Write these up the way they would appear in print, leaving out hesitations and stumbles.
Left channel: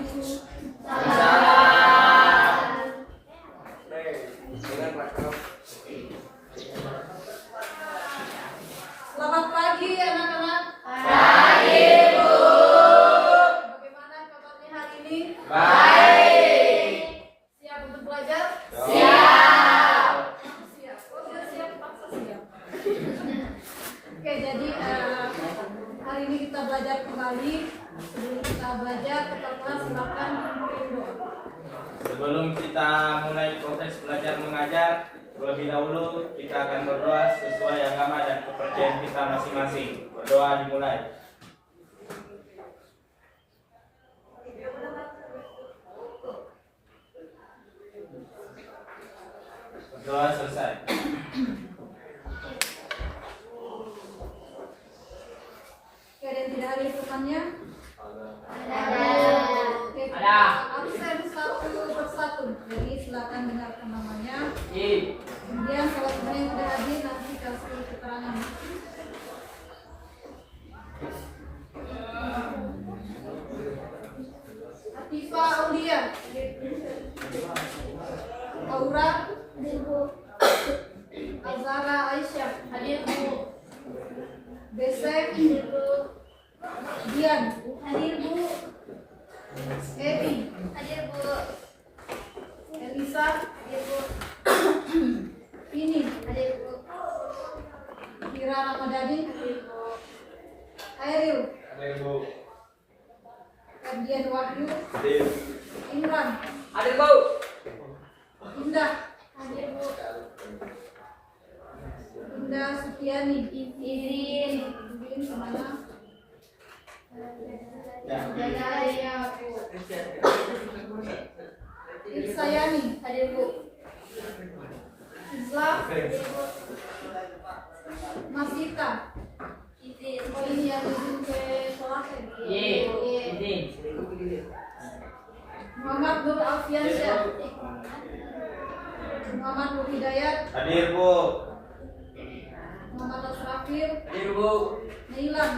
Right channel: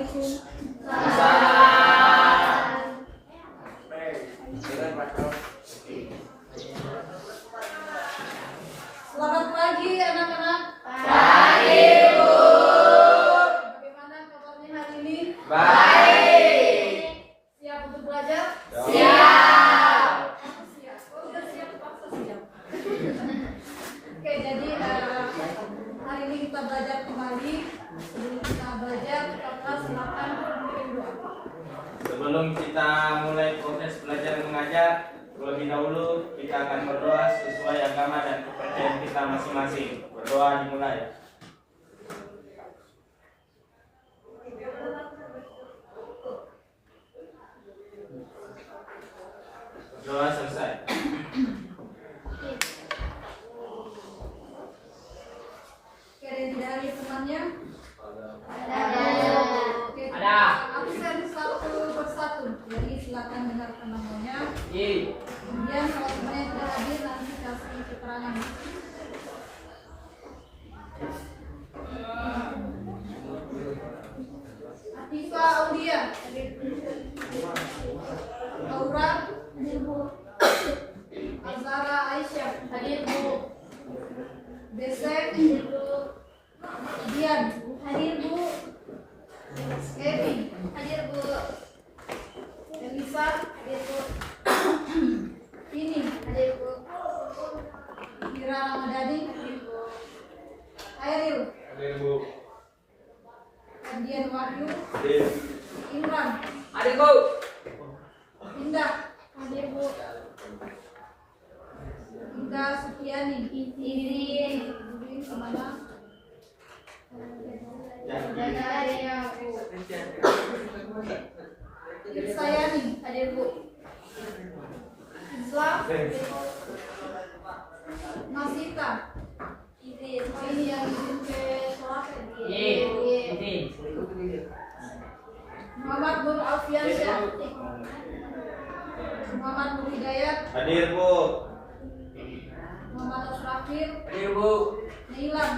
Assalamualaikum. Selamat pagi anak-anak. Pagi, Bu. Bagaimana kabarnya hari ini? Baik. Siap untuk belajar? Siap. Siap. Oh, sudah siap, paksa siap. Oke, jadi hari ini kita belajar kembali. Sebelum kita belajar, tetaplah silakan berdoa. Sebelum kita mulai proses belajar mengajar, terlebih dahulu kita akan berdoa sesuai agama dan kepercayaan kita masing-masing. Berdoa dimulai. Berdoa selesai. Oke, ada yang tidak hari temannya? Oke, Ada. absen satu persatu. Jadi silakan dengarkan namanya. I. Kemudian kalau teman yang tidak hadir nanti kasih keterangan. Atifa Aulia, Aura, Azara Aisyah, hadir Bu. Besek, Dian, hadir Bu. Evi, hadir Bu. Elisa, hadir Bu. Ini, hadir Bu. Kira Ramadhani, hadir Bu. Airil, Hadir Bu. Ferdian Wahyu, Hadir. Imran, Hadir, Bu. Indah, hadir Bu. Indah Sutiani, Irin kemana? Ya. Sayani, hadir Bu. Islam, Masita, oh ini yang izin ke sholat ya? Ini. Muhammad Nur Alfiansyah, Muhammad Nur Hidayat, Hadir Bu. Muhammad Asrafil, Hadir, Bu. Nilan,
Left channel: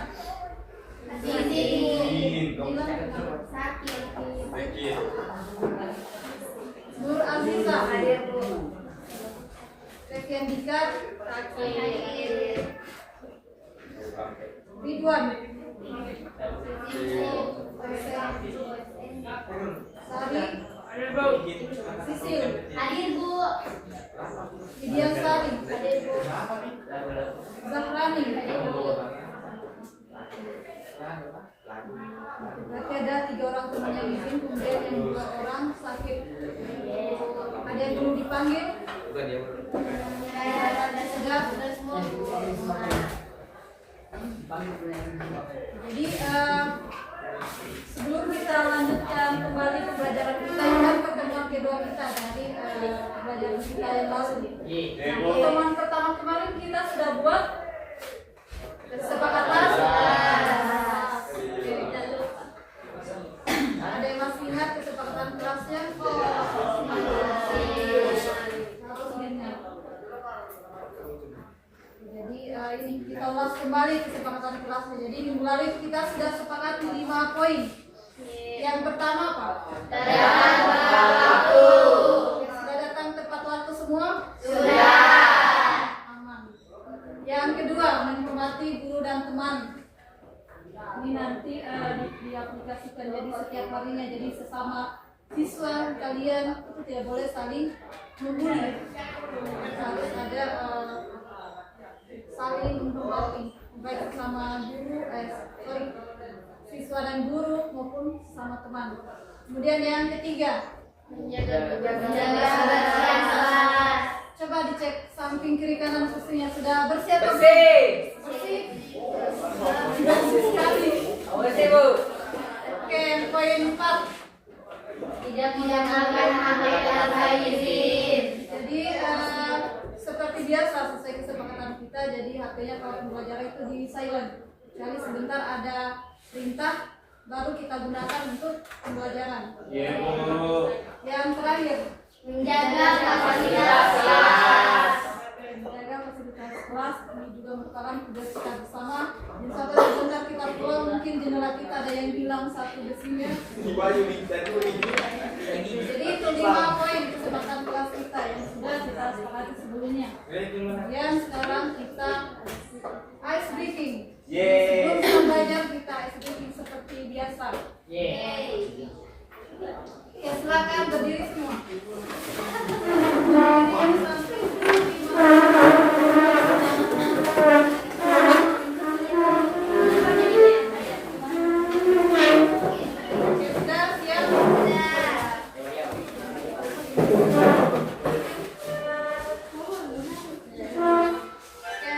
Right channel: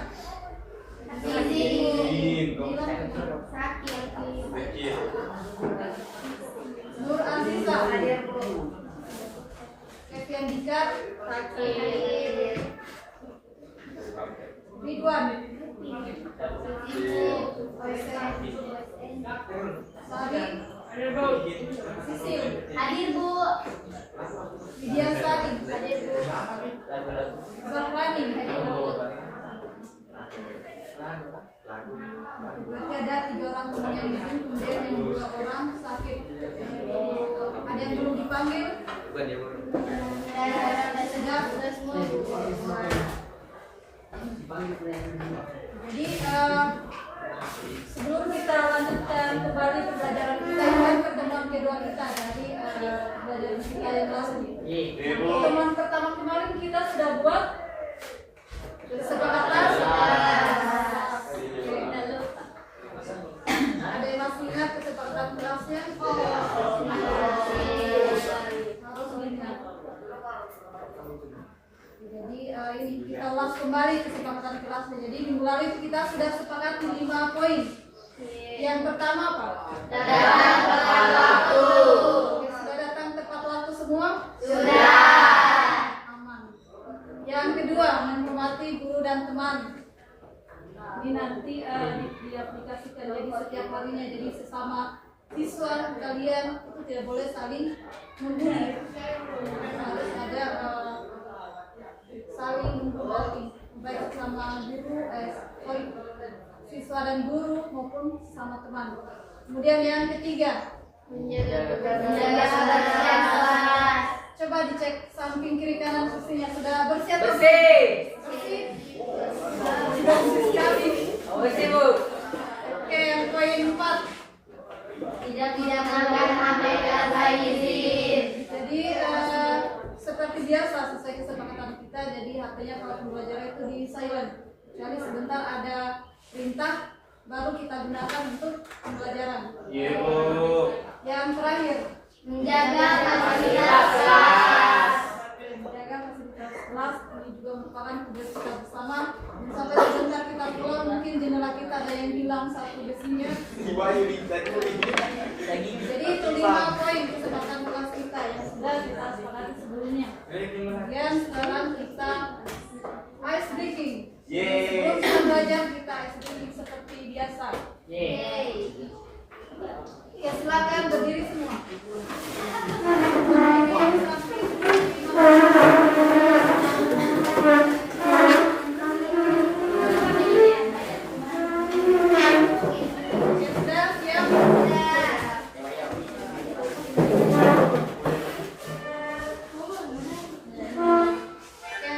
Bekir. Nur Aziza, hadir Bu. Sekian Dikar, Ridwan, Sadi, Hadir, Bu. Sisil, Hadir Bu. Widiasari, hadir Bu. Zahrani, hadir Bu. Berarti ada 3 orang teman yang izin, kemudian yang 2 orang sakit. Ada yang belum dipanggil? Sudah semua. Jadi sebelum kita lanjutkan kembali pembelajaran kita, ingat pertemuan kedua kita dari pembelajaran kita yang lalu. Pertemuan pertama kemarin kita sudah buat kesepakatan. Ada yang masih ingat kesepakatan kelasnya? Harus ingat. Jadi ini kita ulas kembali kesepakatan kelasnya. Jadi minggu lalu kita sudah sepakati 5 poin. Yang pertama apa? Datang tepat waktu. Sudah datang tepat waktu semua? Sudah. Aman. Yang kedua, menghormati guru dan teman. Ini nanti diaplikasikan jadi setiap harinya. Jadi sesama siswa kalian itu tidak boleh saling membuli. Harus ada saling menghormati baik sama guru, siswa dan guru maupun sama teman. Kemudian yang ketiga, Menjaga kebersihan kelas. coba dicek samping kiri kanan kursinya sudah bersih atau Bersih. bersih? Bersih sekali. Bersih, Bu. Oke, yang poin 4. Tidak menggunakan HP tanpa izin. Jadi seperti biasa sesuai kesepakatan kita, jadi HP-nya kalau pembelajaran itu di silent. Kecuali sebentar ada perintah, baru kita gunakan untuk pembelajaran. Iya Bu. Yang terakhir, Menjaga fasilitas kelas. menjaga fasilitas kelas. Ini juga juga merupakan tugas kita bersama. Dan sampai sebentar kita pulang, mungkin jendela kita ada yang hilang satu besinya. Jadi itu 5 poin kesepakatan kelas kita yang sudah kita sepakati sebelumnya. Kemudian sekarang kita ice breaking. Sebelum kita belajar kita ice breaking seperti biasa. Ya silakan berdiri semua. Sudah siap? Ya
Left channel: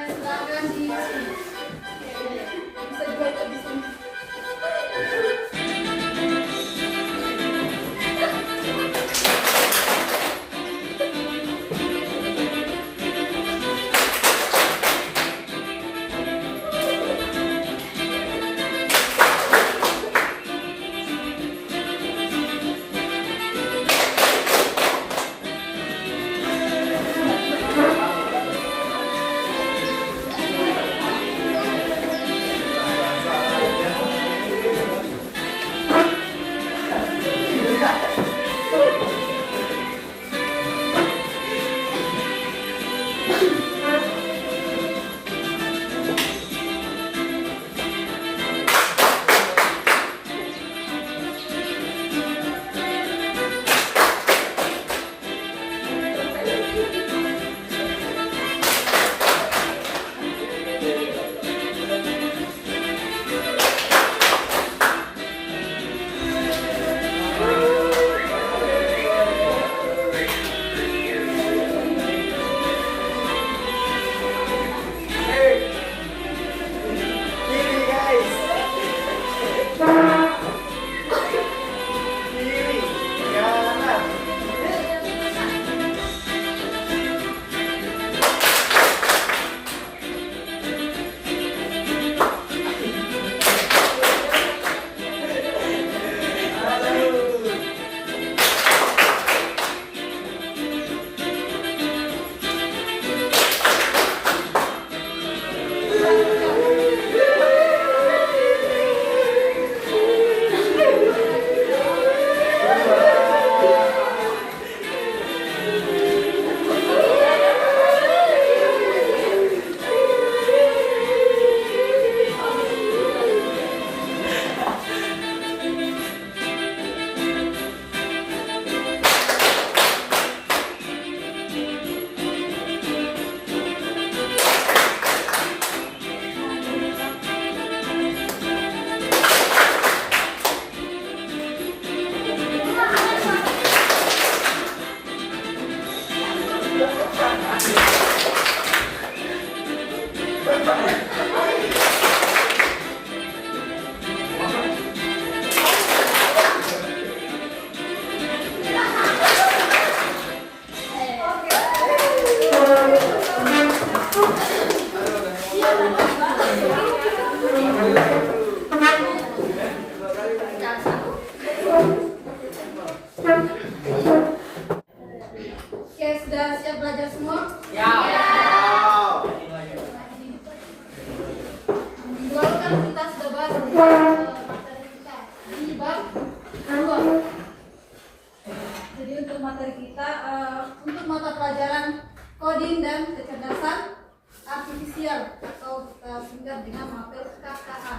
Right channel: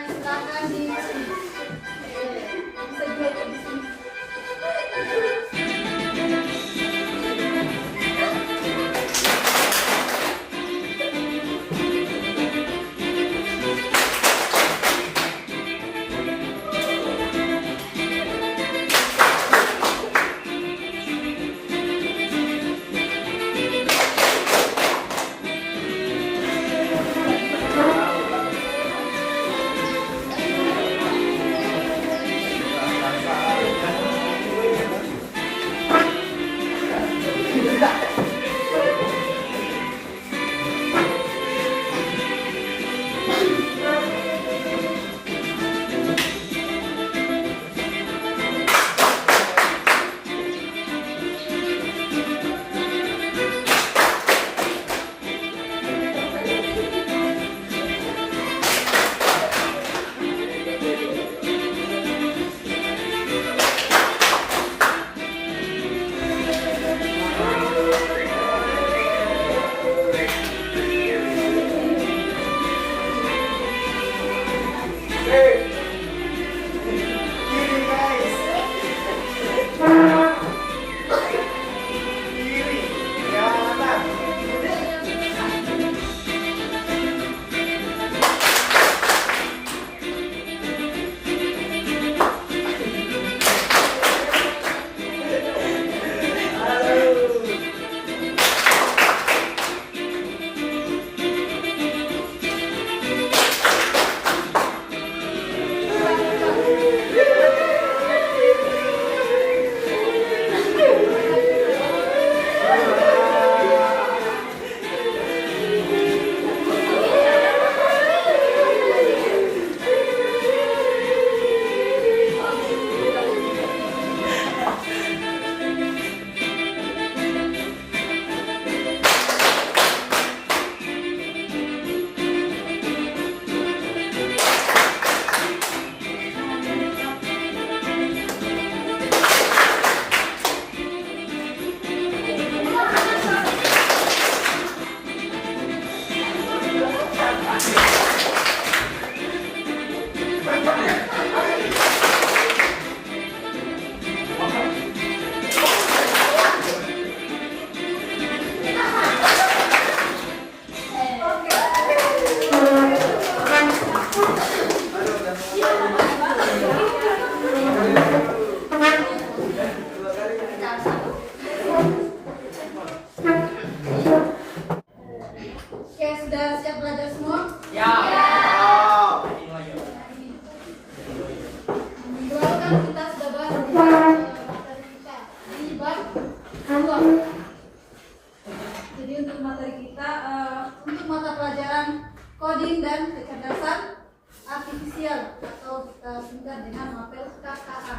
silakan di bisa juga di sini. Oke, sudah siap belajar semua? Minggu lalu kan kita sudah bahas materi kita. Ini bab 2. Jadi untuk materi kita, untuk mata pelajaran coding dan kecerdasan artifisial atau kita singkat dengan MAPEL KKA.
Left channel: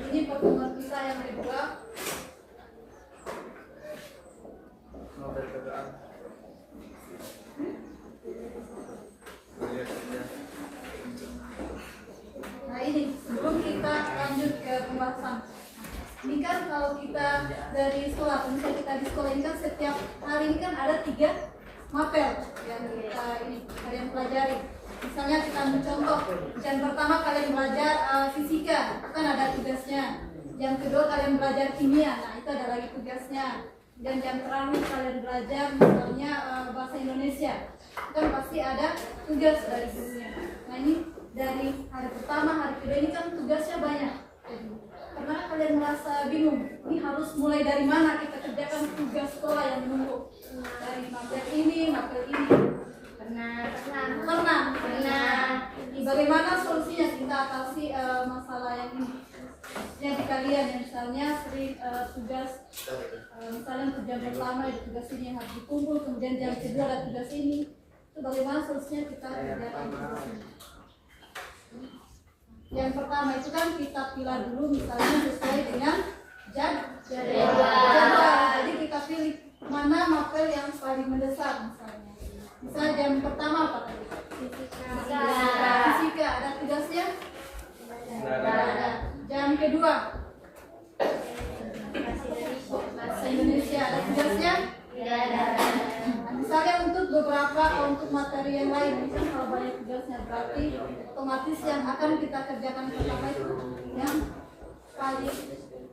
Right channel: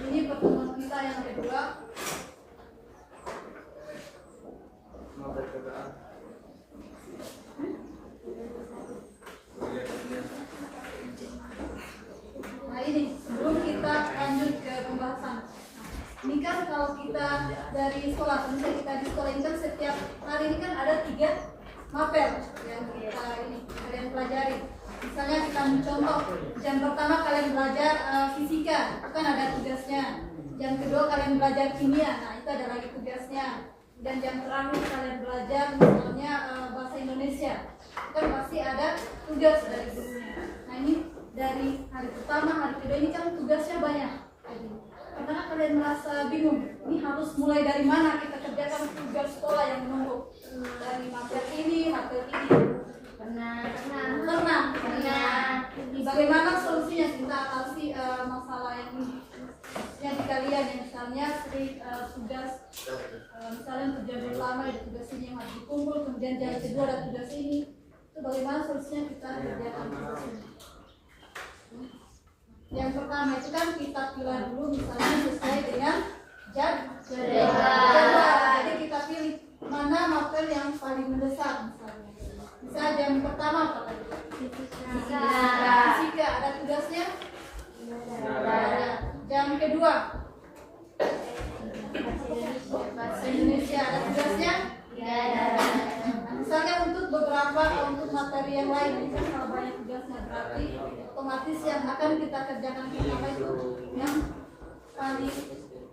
Ini pertemuan kita yang kedua. Nah ini sebelum kita lanjut ke pembahasan, ini kan kalau kita dari sekolah, misalnya kita di sekolah ini kan setiap hari ini kan ada 3 mapel yang kita ini kalian pelajari. Misalnya kita ambil contoh, yang pertama kalian belajar fisika, itu kan ada tugasnya. Yang kedua kalian belajar kimia, nah itu ada lagi tugasnya. Dan yang terakhir kalian belajar misalnya bahasa Indonesia, kan pasti ada tugas dari gurunya. Nah ini dari hari pertama, hari kedua ini kan tugasnya banyak. Karena kalian merasa bingung, ini harus mulai dari mana kita kerjakan tugas sekolah yang menumpuk, dari mapel ini, mapel ini. Dan Pernah. Bagaimana solusinya kita atasi masalah yang ini? Yang di kalian yang misalnya sering tugas misalnya tujuan pertama ada tugas ini yang harus dikumpul, kemudian yang kedua ada tugas ini. Itu bagaimana solusinya kita kerjakan tugas ini? Yang pertama itu kan kita pilih dulu misalnya sesuai dengan jadwal. Jadi kita pilih mana materi yang paling mendesak misalnya. Misalnya jam pertama apa tadi? Fisika. Ada tugasnya? Ada. Jam kedua? Bahasa Indonesia. Ada tugasnya? Misalnya untuk materi yang lain, misalnya kalau banyak tugasnya berarti otomatis yang akan kita kerjakan pertama itu yang paling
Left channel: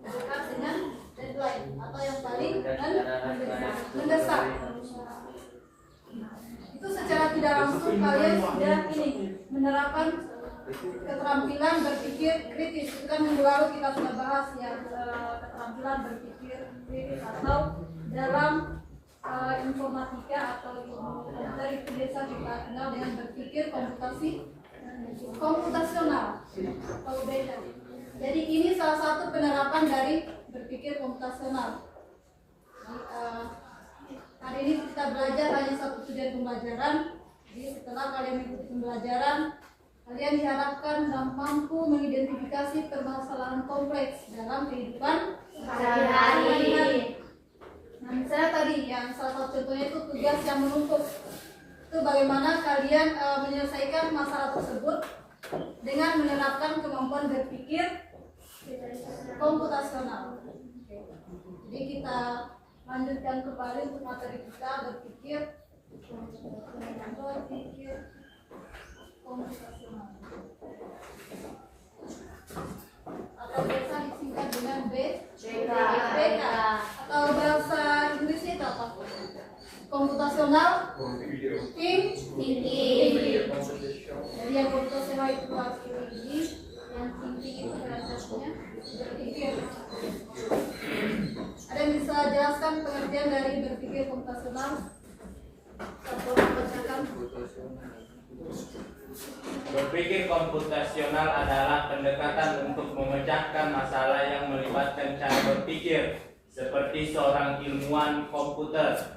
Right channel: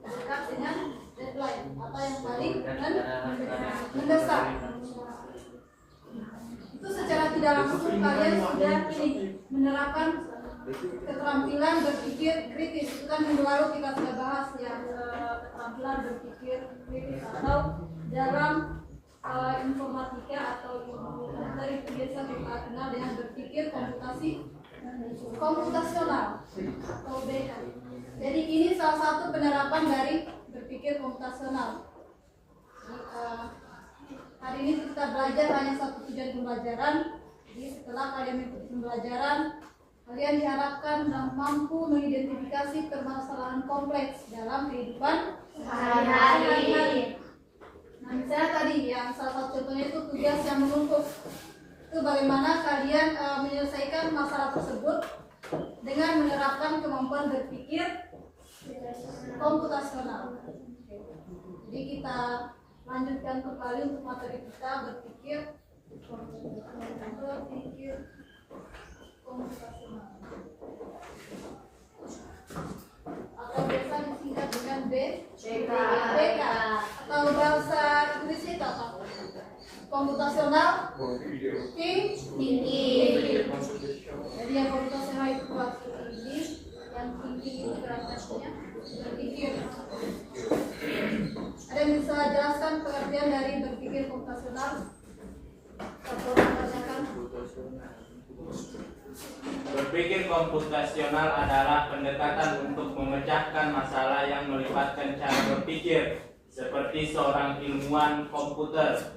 dekat dengan deadline atau yang paling mendesak. Itu secara tidak langsung kalian sudah menerapkan keterampilan berpikir kritis. Itu kan minggu lalu kita sudah bahas yang keterampilan berpikir kritis atau dalam informatika atau ilmu komputer itu biasa kita kenal dengan berpikir komputasional atau data. Jadi ini salah satu penerapan dari berpikir komputasional. Hari ini kita belajar hanya satu tujuan pembelajaran. Jadi setelah kalian mengikuti pembelajaran, kalian diharapkan mampu mengidentifikasi permasalahan kompleks dalam kehidupan sehari-hari. Nah, misalnya tadi yang salah satu contohnya itu tugas yang menumpuk. Itu bagaimana kalian menyelesaikan masalah tersebut dengan menerapkan kemampuan berpikir komputasional. Jadi kita lanjutkan kembali untuk materi kita berpikir komputasional. Atau biasa disingkat dengan BK. Atau bahasa Inggrisnya itu apa? Komputasional thinking. Jadi yang komputasional itu tinggi, yang tinggi itu berarti berpikir. Ada yang bisa jelaskan pengertian dari berpikir komputasional? Atau membacakan? Berpikir komputasional adalah pendekatan untuk memecahkan masalah yang melibatkan cara berpikir seperti seorang ilmuwan komputer.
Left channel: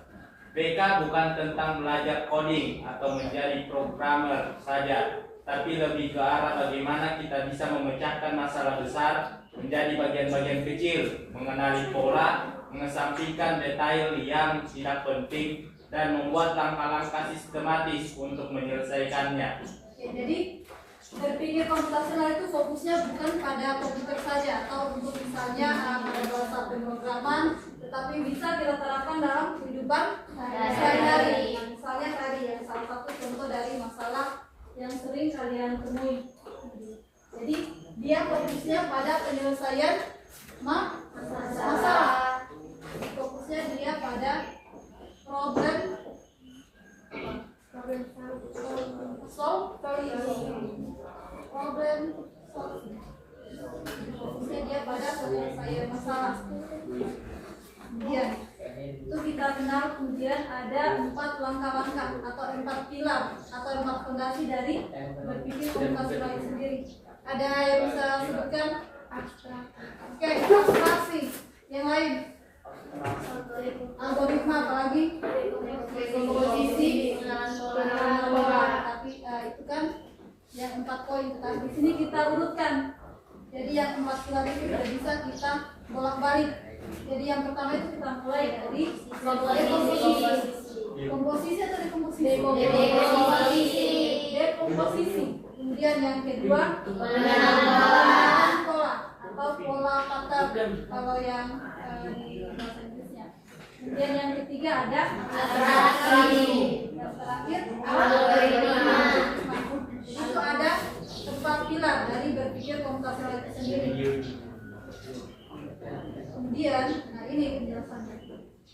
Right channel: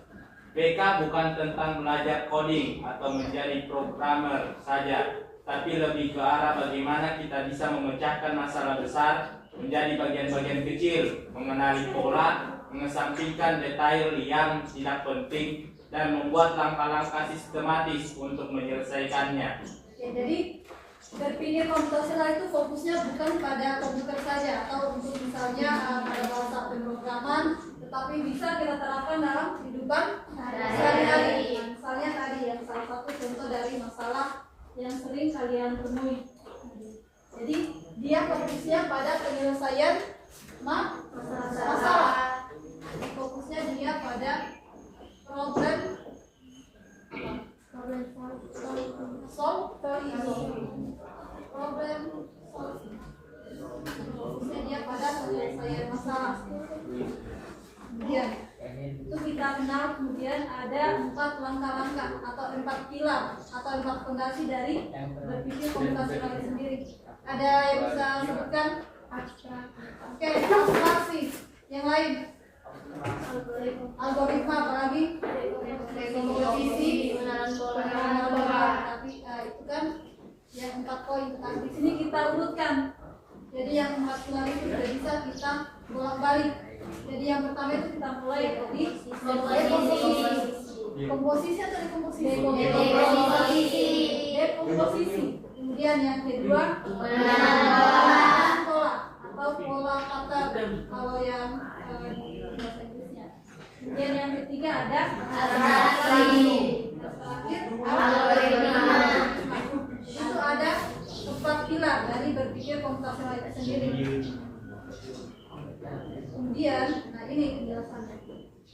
BK bukan tentang belajar coding atau menjadi programmer saja, tapi lebih ke arah bagaimana kita bisa memecahkan masalah besar menjadi bagian-bagian kecil, mengenali pola, mengesampingkan detail yang tidak penting, dan membuat langkah-langkah sistematis untuk menyelesaikannya. Ya, jadi berpikir komputasional itu fokusnya bukan pada komputer saja atau untuk misalnya pada bahasa pemrograman, tetapi bisa kita terapkan dalam kehidupan sehari-hari. Misalnya tadi yang salah satu contoh dari masalah yang sering kalian temui. Jadi dia fokusnya pada penyelesaian masalah. Fokusnya dia pada problem solving. Fokusnya dia pada penyelesaian masalah. Kemudian itu kita kenal, kemudian ada 4 langkah-langkah atau 4 pilar atau 4 fondasi dari berpikir komputasional itu sendiri. Ada yang bisa sebutkan? Oke, abstraksi. Yang lain? Algoritma, apalagi? Dekomposisi, pengenalan pola. Tapi itu kan yang 4 poin. Tapi di sini kita urutkan. Jadi yang 4 pilar itu tidak bisa kita bolak-balik. Jadi yang pertama itu kita mulai dari dekomposisi. Komposisi atau dekomposisi? Dekomposisi. Kemudian yang kedua pengenalan pola atau pola pattern kalau yang di bahasa Inggrisnya. Kemudian yang ketiga ada abstraksi. Yang terakhir algoritma. Itu ada 4 pilar dari berpikir komputasional itu sendiri. Kemudian, nah ini penjelasannya.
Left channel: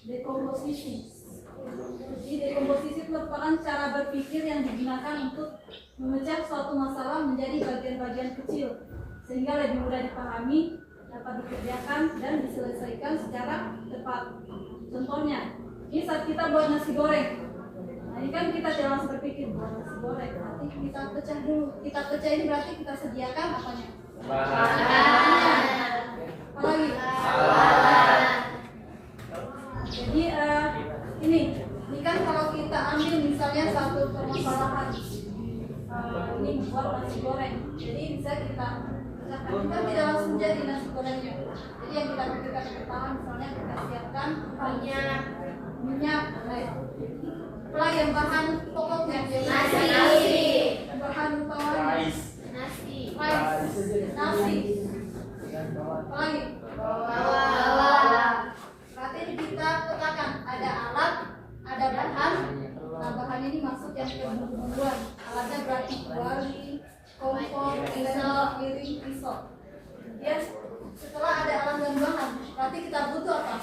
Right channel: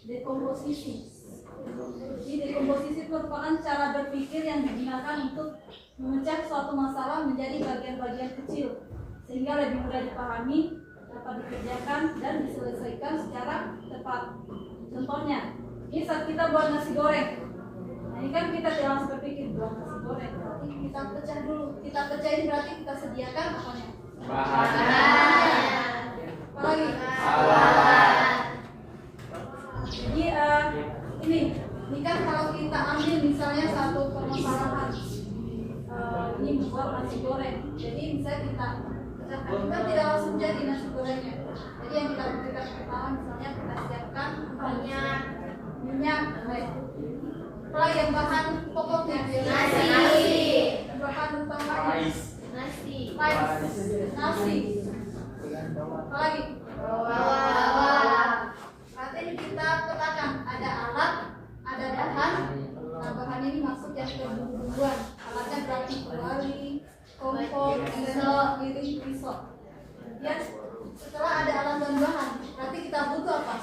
Dekomposisi. Jadi dekomposisi merupakan cara berpikir yang digunakan untuk memecah suatu masalah menjadi bagian-bagian kecil sehingga lebih mudah dipahami, dapat dikerjakan dan diselesaikan secara tepat. Contohnya, ini saat kita buat nasi goreng. Nah, Ini kan kita tidak langsung berpikir buat nasi goreng, berarti kita pecah dulu. Kita pecahin berarti kita sediakan apanya? Apa lagi? Jadi ini kan kalau kita ambil misalnya satu permasalahan, ini buat nasi goreng. Jadi bisa kita pecahkan, kita tidak langsung jadi nasi gorengnya. Jadi yang kita butuhkan pertama misalnya kita siapkan minyak, apalagi yang bahan pokoknya Nasi. bahan utamanya Nasi. nasi, apalagi Bawang. berarti ini kita petakan ada alat, ada bahan. Nah, bahan ini masuk yang ke bumbu-bumbuan. Alatnya berarti kuali, kompor, piring, pisau. Ya, setelah ada alat dan bahan, berarti kita butuh apa?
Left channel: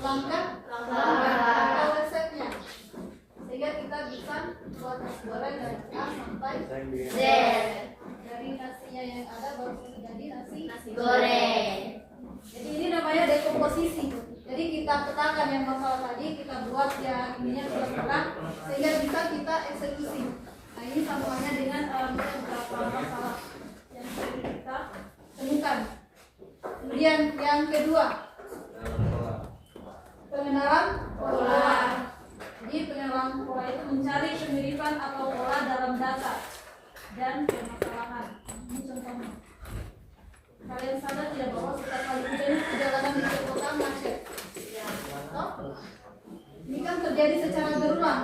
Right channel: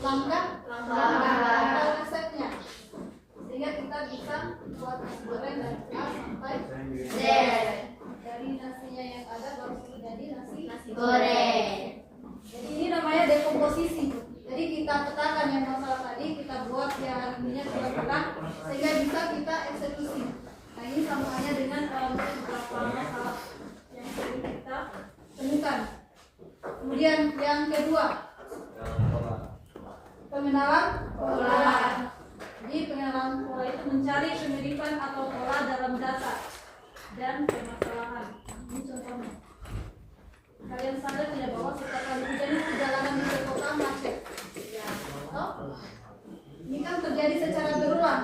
Langkah resepnya, sehingga kita bisa buat nasi goreng dari A sampai Z. Dari nasinya yang ada baru jadi nasi Goreng. Jadi ini namanya dekomposisi. Jadi kita petakan yang masalah tadi, kita buat yang ininya kita petak sehingga bisa kita eksekusi. Nah ini sambungannya dengan beberapa masalah yang sering kita temukan. Kemudian yang kedua, pengenalan pola. Jadi pengenalan pola itu mencari kemiripan atau pola dalam data dan permasalahan. Ini contohnya. Kalian sadar tidak bahwa setiap kali hujan itu jalanan di kota macet? Oh? Ini kan terjadi secara berulang.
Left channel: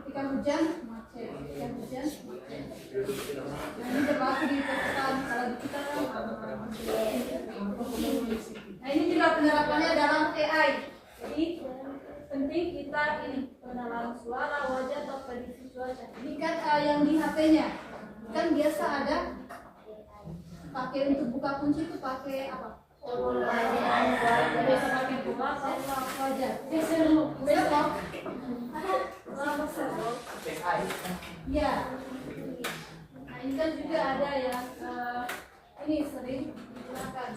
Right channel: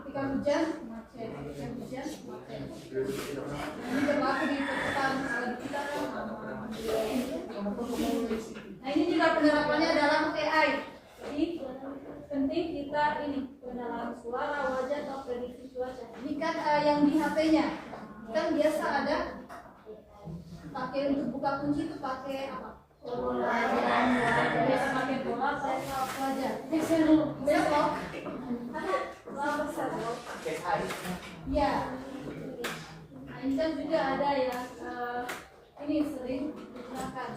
Ketika hujan macet, ketika hujan macet. Nah, ini berlaku di perkotaan. Kalau di kita kan nah ini juga penerapannya dalam AI. Jadi penting kita ini pengenalan suara, wajah atau prediksi cuaca. Ini kan yang di HP-nya kan biasa ada pakai untuk buka kunci itu pakai apa? Biasa pakai bola atau wajah. Besok ya. Nah ini kan juga ada yang ini sering digunakan.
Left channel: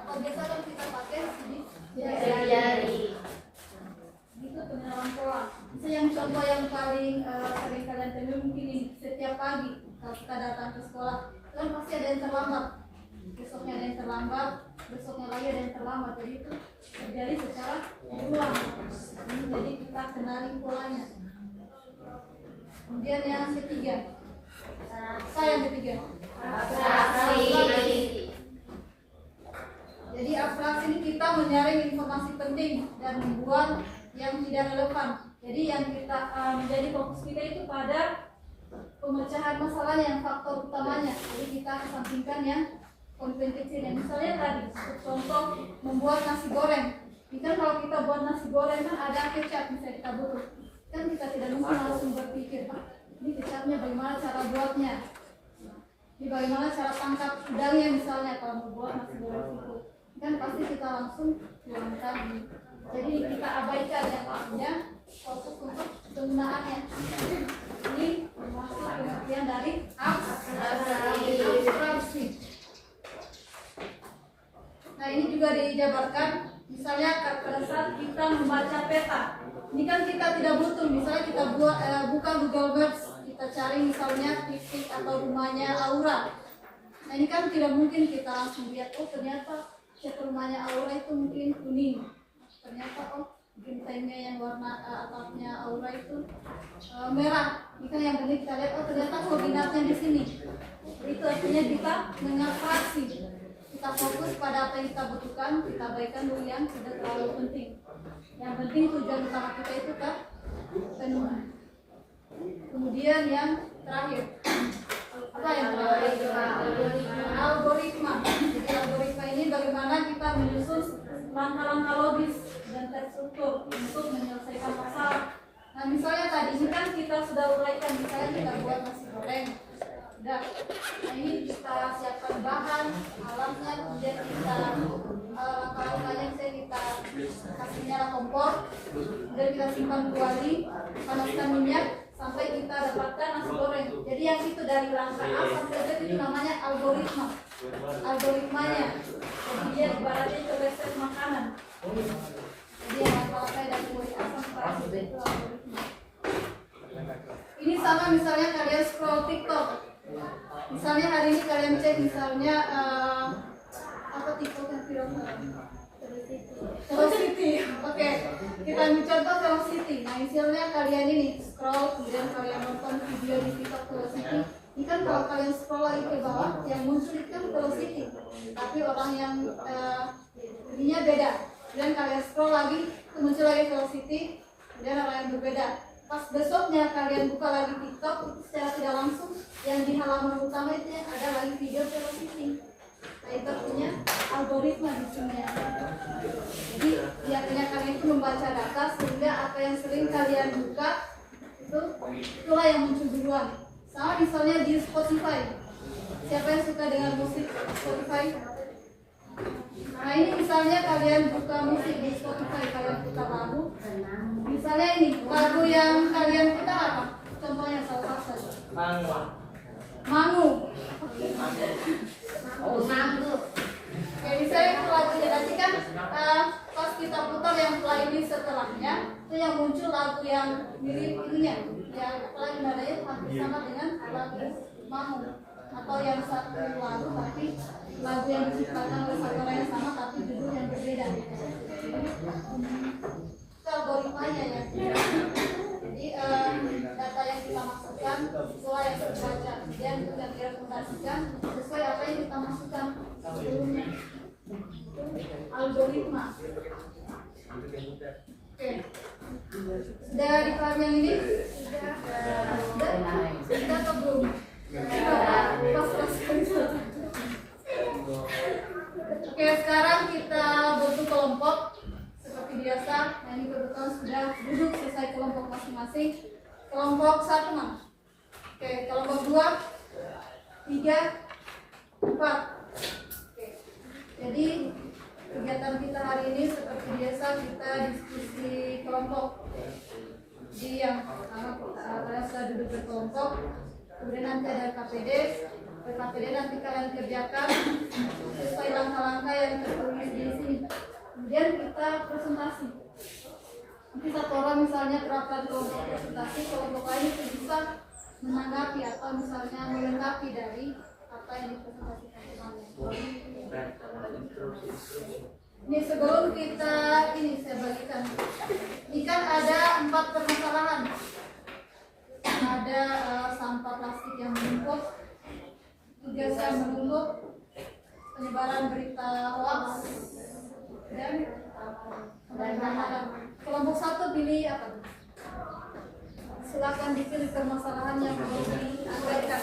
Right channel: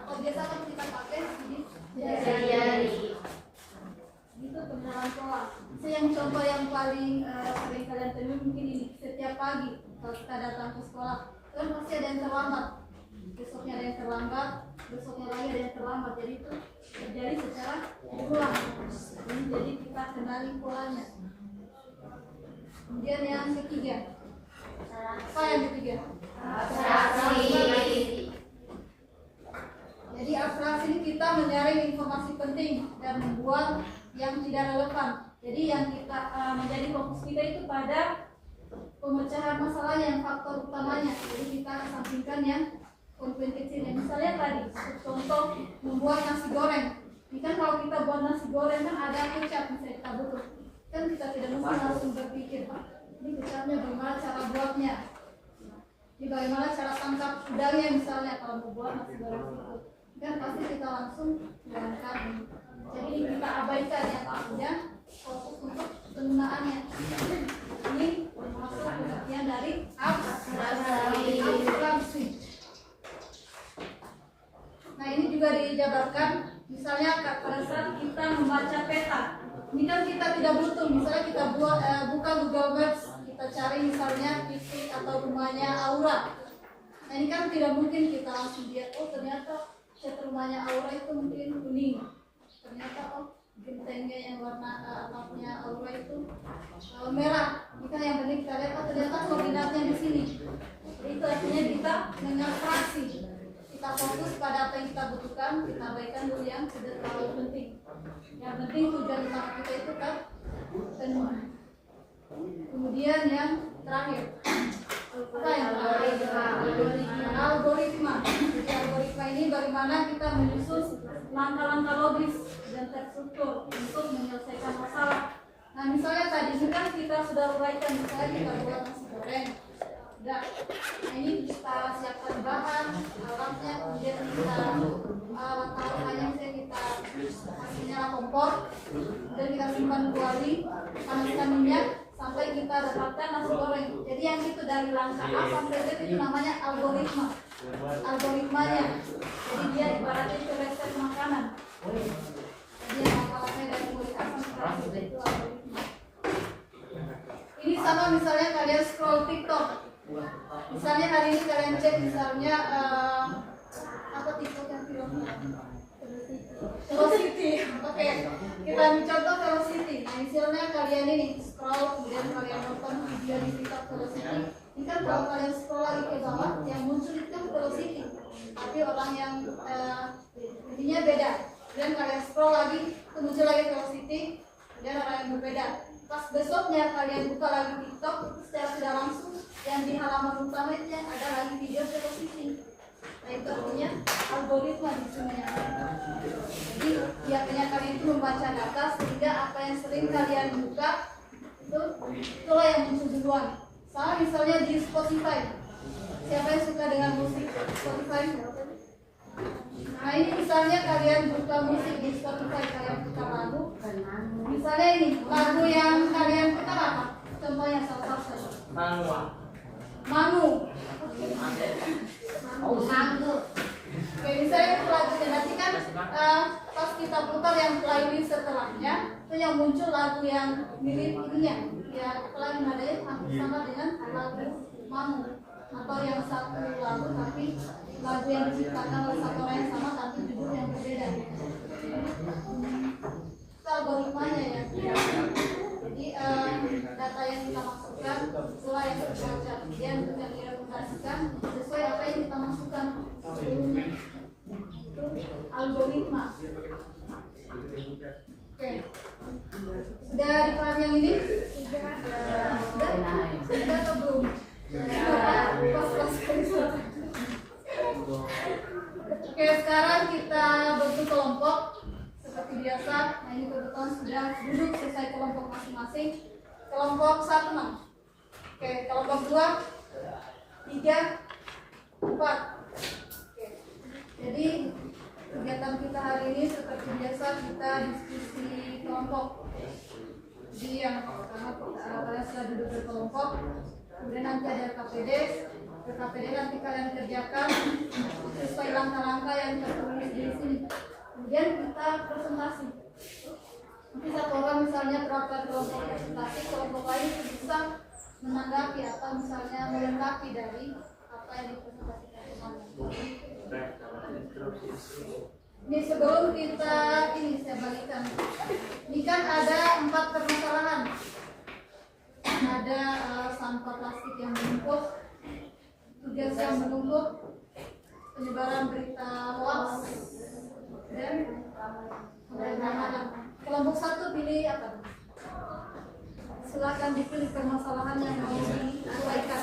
Atau biasa kan kita pakai Jari. itu pengenalan pola. Yang contoh yang paling sering kalian temui mungkin ini setiap pagi kalau kita datang ke sekolah kan pasti ada yang terlambat, besoknya ada yang terlambat, besoknya lagi ada yang terlambat. Jadi itu terjadi secara berulang. Jadi kita kenali polanya. Kemudian yang ketiga, apa yang ketiga? Abstraksi. Jadi abstraksi ini kita menyaring informasi penting dan membuat yang tidak relevan. Jadi yang kita menjadi fokus kita itu pada pemecahan masalahnya yang faktor utamanya. Jadi kita sampingkan yang konten kecilnya. Misalnya tadi contoh membuat nasi goreng. Ini kan kalau kita buat nasi goreng kan ada kecap bisa kita butuh. Kan kita tidak mungkin langsung berpikir ini kecapnya bagaimana cara buatnya. Ini bagaimana cara tangkap udangnya misalnya kalau membuat nasi goreng seafood. Kan pasti kita langsung tuangkan. Jadi kita abaikan yang artinya fokus untuk penggunaannya. Ini termasuk pengertian dari abstraksi. Nah ini juga dijabarkan misalnya pada saat kita membaca peta. Ini kan kita tidak butuh, misalnya kita buka Google Maps, kita cari misalnya titik atau rumahnya Aura. Nah ini kan tidak mungkin kita langsung lihat, oh ternyata rumahnya Aura itu mungkin kuning. Ternyata oh gentengnya yang warna atapnya Aura itu merah. Ini kan yang penting kita lihat, oh ternyata koordinatnya di sini. Itu artinya kita mengabstraksi. Kita fokus pada apa yang kita butuhkan, kita abaikan dulu yang tidak terlalu penting. Yang penting tujuan utama kita itu terpenuhi. Kemudian yang terakhir, apa yang terakhir? Algoritma. Jadi algoritma ini bagaimana kita menyusun langkah-langkah logis dan terstruktur untuk menyelesaikan masalah. Nah misalnya tadi ini kan kita sudah uraikan, misalnya kita buat nasi goreng. Nah ini kita siapkan bahan, alatnya, kemudian kita langkah-langkahnya misalnya kita kasih nyala kompor, kemudian kita simpan kuali, panaskan minyak sampai kita dapatkan nasi goreng. Jadi yang itu dari langkah A sampai Z itu namanya algoritma. Algoritmanya. Jadi dia ibaratnya itu resep makanan. Jadi yang langkah-langkahnya dari mulai A sampai Z itu algoritma. velocity. Oke, kita ambil contoh velocity. Nah, misalnya kalian ini scroll, kemudian kalian nonton video di TikTok velocity. Ini kan kalau kalian scroll lagi ke bawah, yang muncul itu kan velocity. Tapi orang yang ininya beda. Kemudian kalian scroll lagi, itu muncul lagi velocity. Kemudian orang yang berbeda. Pas besoknya kalian buka lagi TikTok, itu secara tidak langsung yang di halaman utama itu ada lagi video velocity. Nah, itu artinya algoritma di sini ya. Jadi biasanya kalian itu membaca data sehingga apa yang sering kalian buka itulah yang muncul duluan. Sama misalnya di Spotify. Siapa yang suka dengan musik Spotify? Nah, ini misalnya kalian buka musik di Spotify, kalian putar lagu. Misalnya ini lagu yang kalian putar apa? Contohnya salah satu. Mangu. Oh, mangu. Oke, misalnya itu lagunya nanti kan pas kita putar yang playlist setelahnya itu yang muncul lagu yang mirip itunya, ya apalagi nadanya hampir sama dengan lagu Mangu, atau yang satu lagu tapi lagu yang diciptakan oleh satu orang yang sama tapi judul yang berbeda. Itu algoritmanya ya. Jadi data yang kita masukkan sesuai yang kita baca, kemudian kita representasikan sesuai apa yang kita masukkan sebelumnya. Itu algoritma. Oke. Sudah dipahami yang ini? Sudah atau belum? Pas sekali. Oke, sekarang kita bentuk kelompok seperti biasa. Nah, ini kebetulan sudah duduk selesai kelompok masing-masing. Kelompok 1 mana? Oke, kelompok 2, 3, 4. Oke. Jadi kegiatan kita hari ini seperti biasa kita diskusi kelompok. Jadi yang pertama kalian sudah duduk berkelompok, kemudian nanti ada KPD. KPD nanti kalian kerjakan sesuai langkah-langkah yang tertulis di sini. Kemudian kita presentasi. Nanti satu orang misalnya terapkan kelompok presentasi, kelompok lain itu bisa menanggapi atau misalnya melengkapi dari apa yang dipresentasikan kemarin. Ini sebelum kita saya bagikan. Ini kan ada 4 permasalahan. Ada sampah plastik yang menumpuk, tugas yang menumpuk, penyebaran berita hoax, dan kelompok 1 pilih apa? Silakan dipilih permasalahan yang mau diuraikan.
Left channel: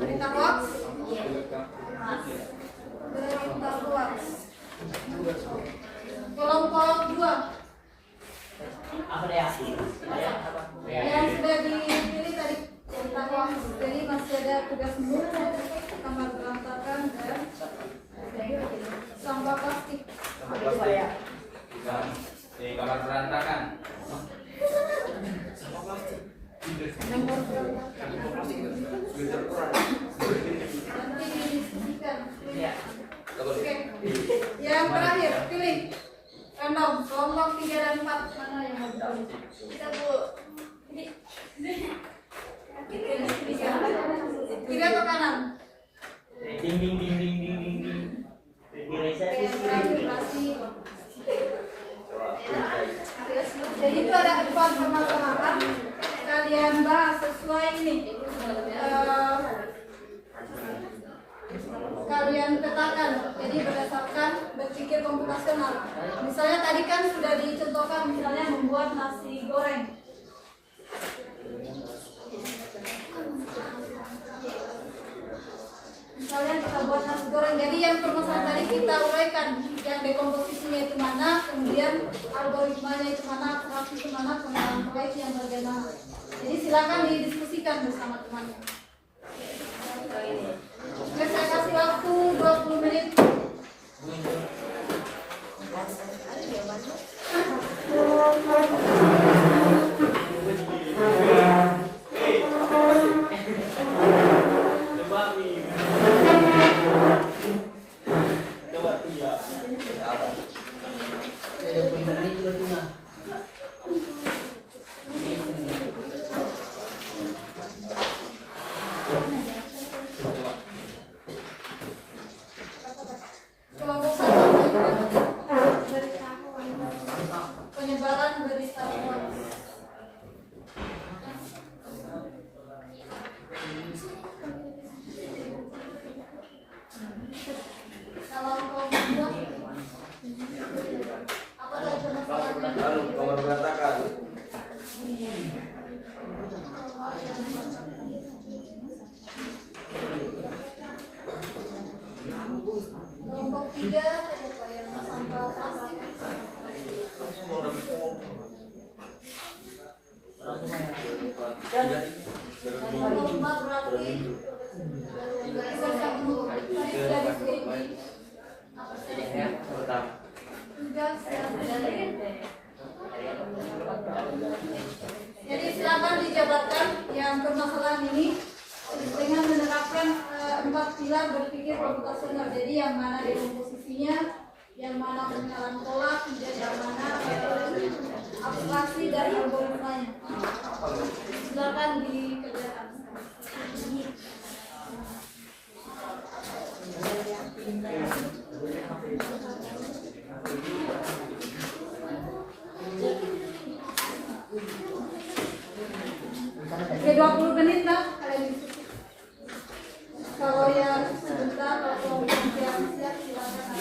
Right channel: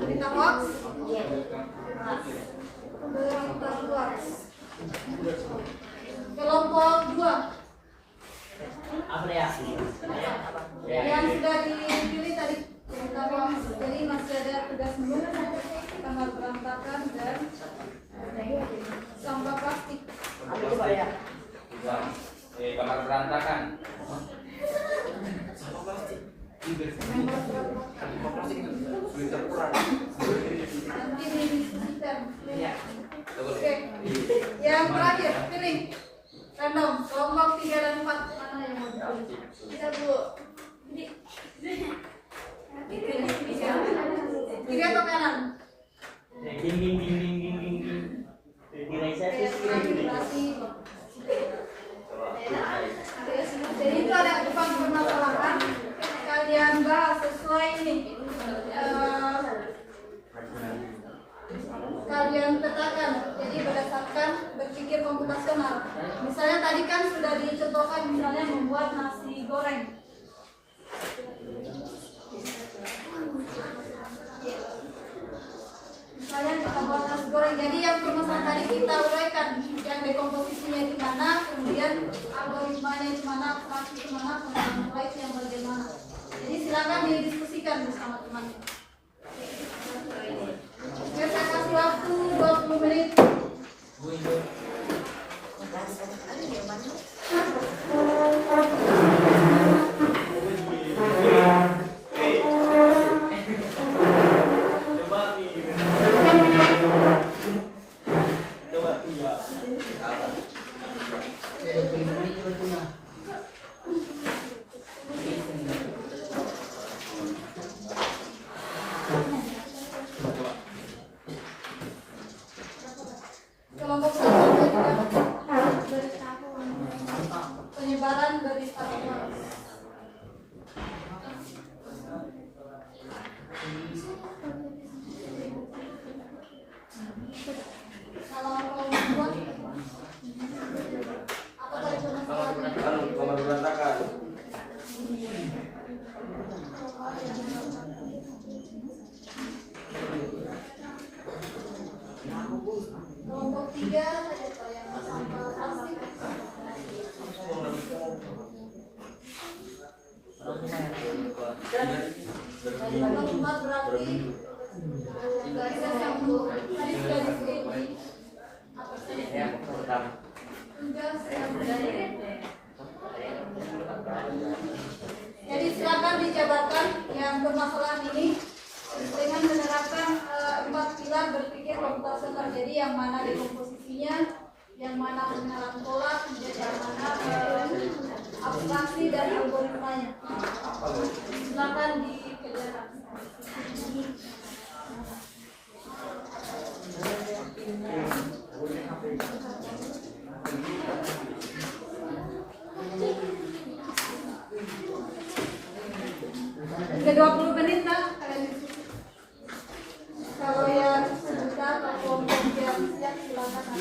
Berita hoax? Berita hoax. Kelompok 2. Yang sudah dipilih tadi berita hoax. Jadi masih ada tugas menumpuk, kamar berantakan, dan sampah plastik. Kamar berantakan. Nanti didiskusikan. Oke. Yang terakhir, pilih random kelompok 3 dan 4 mana yang mau dipilih? Kita dulu. Kiri atau kanan? Jadi itu ada 4 permasalahan. Kalian bahas sesuai ini. Kalian petakan. Jadi berdasarkan berpikir komputasional. Misalnya tadi kan sudah dicontohkan misalnya membuat nasi goreng. Misalnya kita buat nasi goreng. Jadi yang permasalahan tadi kita uraikan, yang dekomposisinya itu mana, kemudian algoritmanya itu mana, abstraksi itu mana, pengolahan proyek yang bagaimana. Jadi silakan didiskusikan bersama teman. Oke, saya kasih waktu 20 menit. kelompok satu penyebaran berita bohong. Kalau kau membuat apa saja masalahnya? Kelompok 3 ada yang sampel plastik. Kelompok 4 berarti garisan yang untuk tadi sudah disebut. Jadi silakan dijabarkan yang bermasalah ini dengan menerapkan 4 pilar berpikir komputasional. Jadi yang mana dekomposisinya, yang mana pengenalan pola, yang mana abstraksi dan algoritmanya. Silakan dikerjakan. Oke, 20 menit lah kalian diskusi. Kalau yang sebentar atau kelompok yang siap silakan.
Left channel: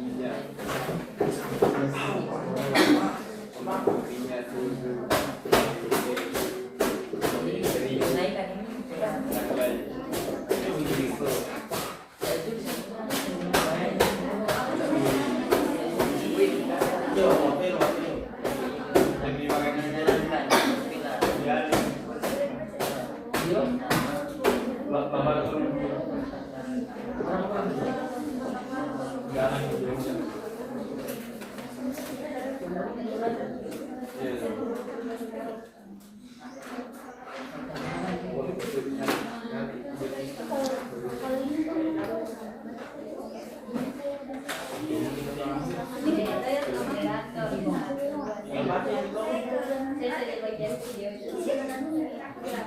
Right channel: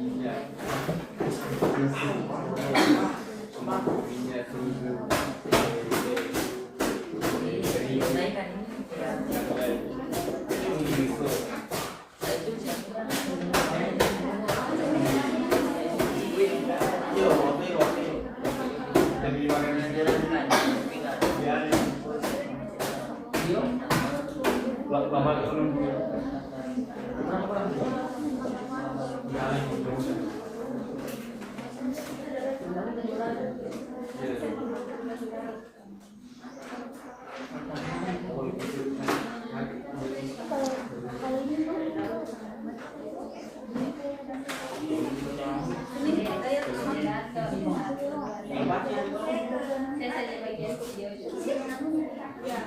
Iya. Bila.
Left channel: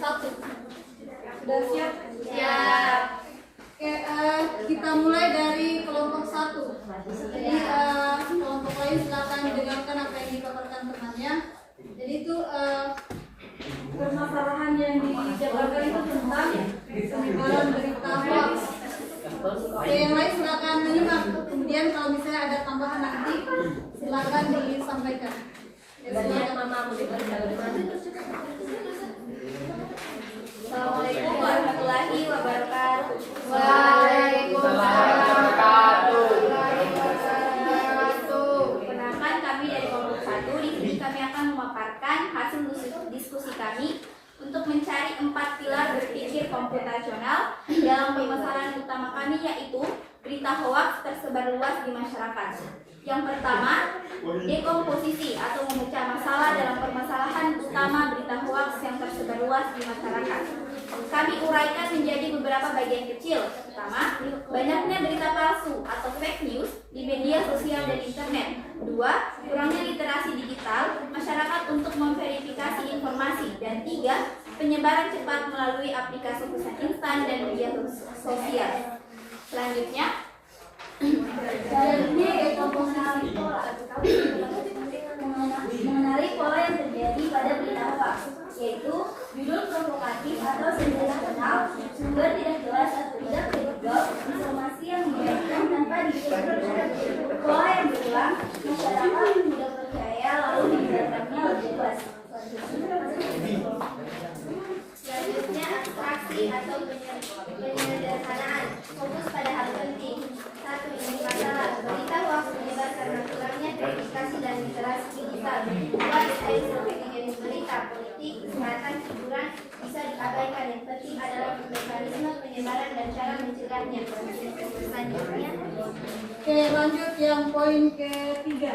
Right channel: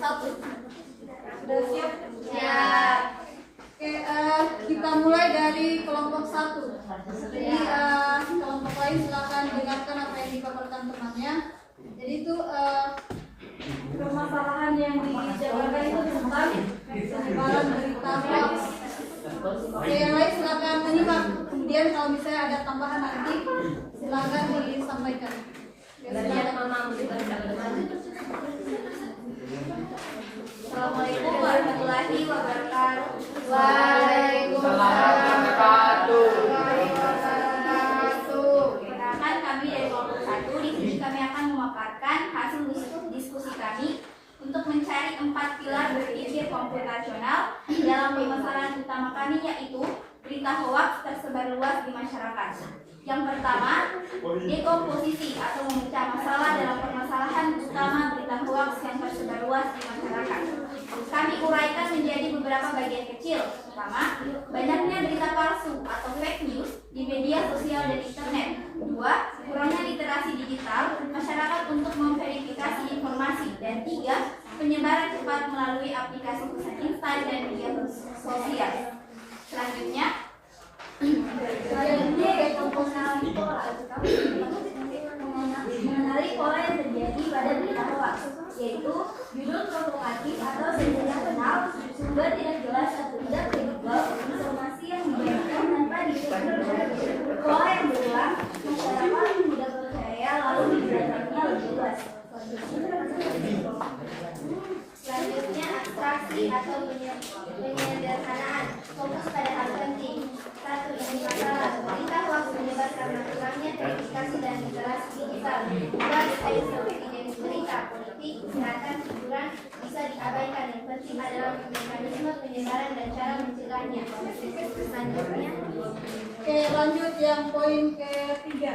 Satu. Sudah siap? Siap. Oke, kita mulai dari kelompok 1. Jadi kelompok lain silakan dengarkan apa yang dipaparkan temannya. Jadi itu permasalahan yang dijabarkan itu tentang penyebaran berita hoax. Oke, yang lain silakan menyimak. Kemudian kalau misalnya ada tambahan nanti silakan disampaikan. Assalamualaikum warahmatullahi wabarakatuh. Waalaikumsalam warahmatullahi wabarakatuh. Perkenalkan, kami dari kelompok 1. Di sini kami akan memaparkan hasil diskusi kami untuk mencari 4 pilar berpikir komputasional dalam permasalahan utama kami, yaitu berita hoaks tersebar luas di masyarakat. Yang pertama, dekomposisi atau memecah masalah dalam permasalahan utama berita hoaks yang tersebar luas di masyarakat. Kami uraikan menjadi beberapa bagian kecil. Pertama, banyaknya berita palsu atau fake news di media sosial dan internet. 2, kurangnya literasi digital masyarakat untuk memverifikasi informasi. Dan 3, penyebaran cepat melalui aplikasi pesan instan dan media sosial. Selanjutnya, mengenali pola yang terjadi pada berita hoax, yaitu judul provokatif atau sensitif kenal, sumber tidak jelas atau tidak kredibel, informasi yang dibagikan tanpa dicek, pola yang berulang, masyarakat mudah percaya lalu menyebarkannya lebih luas. Selanjutnya, abstraksi atau penyederhanaan, fokus pada hal penting. 1. Indikator berita hoax menyebar karena kurangnya verifikasi dan literasi digital. 2. Detail seperti jenis berita, politik, kesehatan, hiburan bisa diabaikan. Yang penting adalah mekanisme penyebaran dan cara mencegahnya. Selanjutnya, Oke, lanjut yang poin ketiga.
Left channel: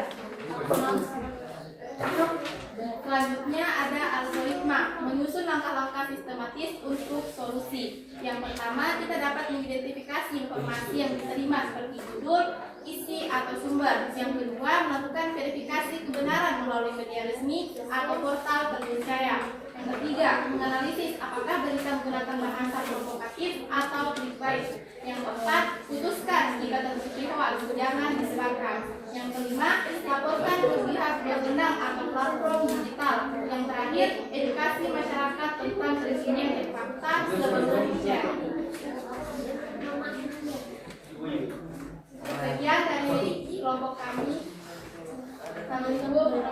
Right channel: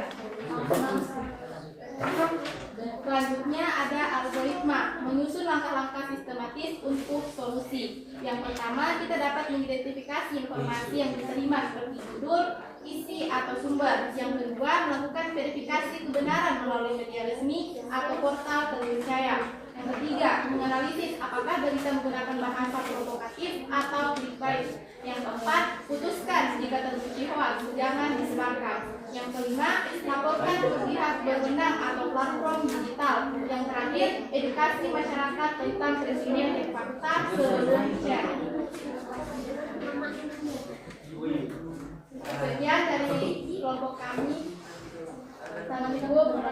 Selanjutnya ada algoritma, menyusun langkah-langkah sistematis untuk solusi. Yang pertama, kita dapat mengidentifikasi informasi yang diterima seperti judul, isi, atau sumber. Yang kedua, melakukan verifikasi kebenaran melalui media resmi atau portal terpercaya. Yang ketiga, menganalisis apakah berita menggunakan bahasa provokatif atau clickbait. Yang keempat, putuskan jika terbukti hoax, jangan disebarkan. Yang kelima, laporkan ke pihak berwenang atau platform digital. Yang terakhir, edukasi masyarakat tentang keresmian dan fakta sebelum share. Sekian dari kelompok kami. Assalamualaikum.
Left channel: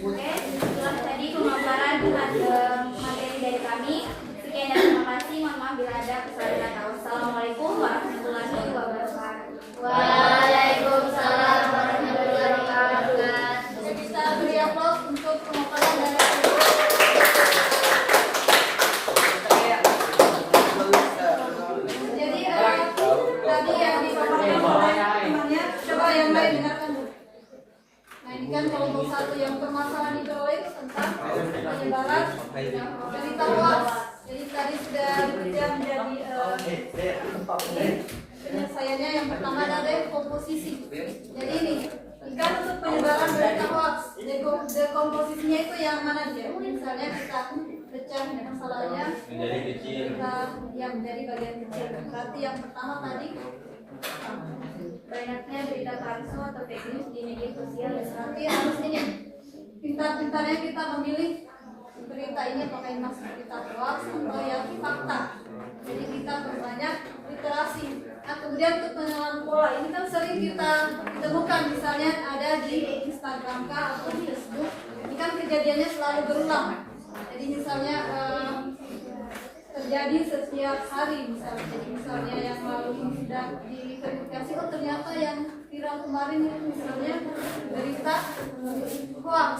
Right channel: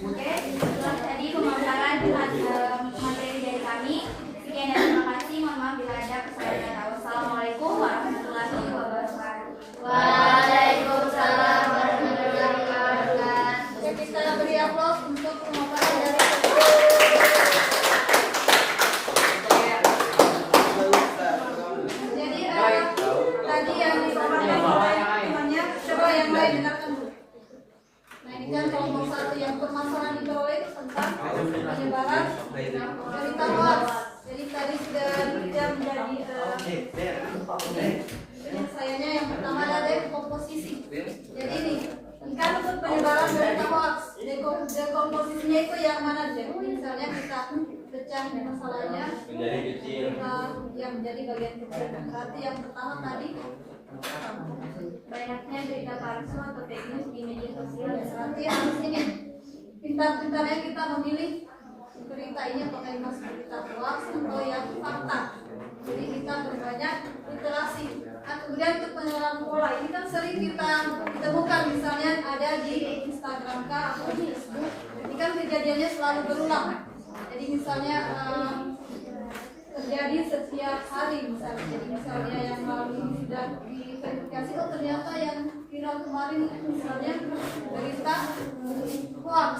Oke, setelah tadi pemaparan materi dari kami, mohon bila ada kesalahan. Wassalamualaikum warahmatullahi wabarakatuh. Waalaikumsalam warahmatullahi wabarakatuh. Kita beri aplaus untuk pemaparan dari jadi tadi yang disampaikan oleh temannya, coba yang lain dengarkan dulu. Nah ini kan kelompok 1 yang permasalahan di bawah itu tentang penyebaran berita hoax. Jadi tadi sudah menjadi penyelesaiannya. Yang pertama ada komposisi. Jadi ini kan untuk penyebaran berita hoax, dekomposisinya itu yang mana dia? Misalnya kita pecah masalahnya Menjadi kecil. yang menjadi bagian kecil. Berarti yang pertama tadi Banyaknya berita palsu atau fake news di media sosial. berarti harus ini pintar-pintarnya kita memilih berita ini apakah yang masuk berita hoax atau yang fakta. Jadi kita perbanyak literasi. Nah, kemudian untuk pengenalan pola ini kan sering kita temukan, misalnya ada di Instagram kah atau di Facebook. Ini kan kejadiannya selalu berulang. Jadi misalnya terjadi setiap hari misalnya. Jadi misalnya yang lalu ini sudah diverifikasi, oh ternyata yang viral kemarin itu misalnya berita hoax.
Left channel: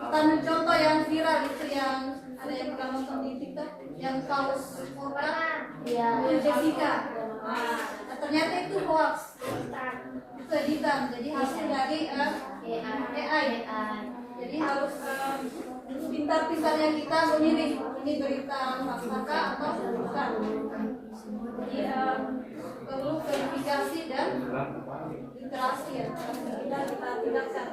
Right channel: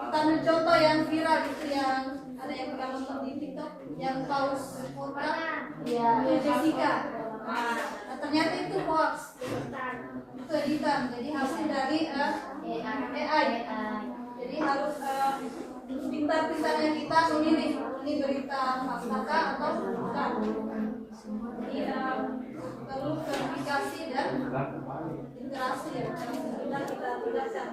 Kita ambil contoh yang viral itu yang ada yang pernah nonton di TikTok yang paus Jessica. Nah, ternyata itu hoax. Itu editan. Jadi hasil dari AI. Jadi harus pintar-pintarnya kita memilih ini berita fakta atau bukan. Jadi perlu verifikasi dan literasi ya. Kita tidak.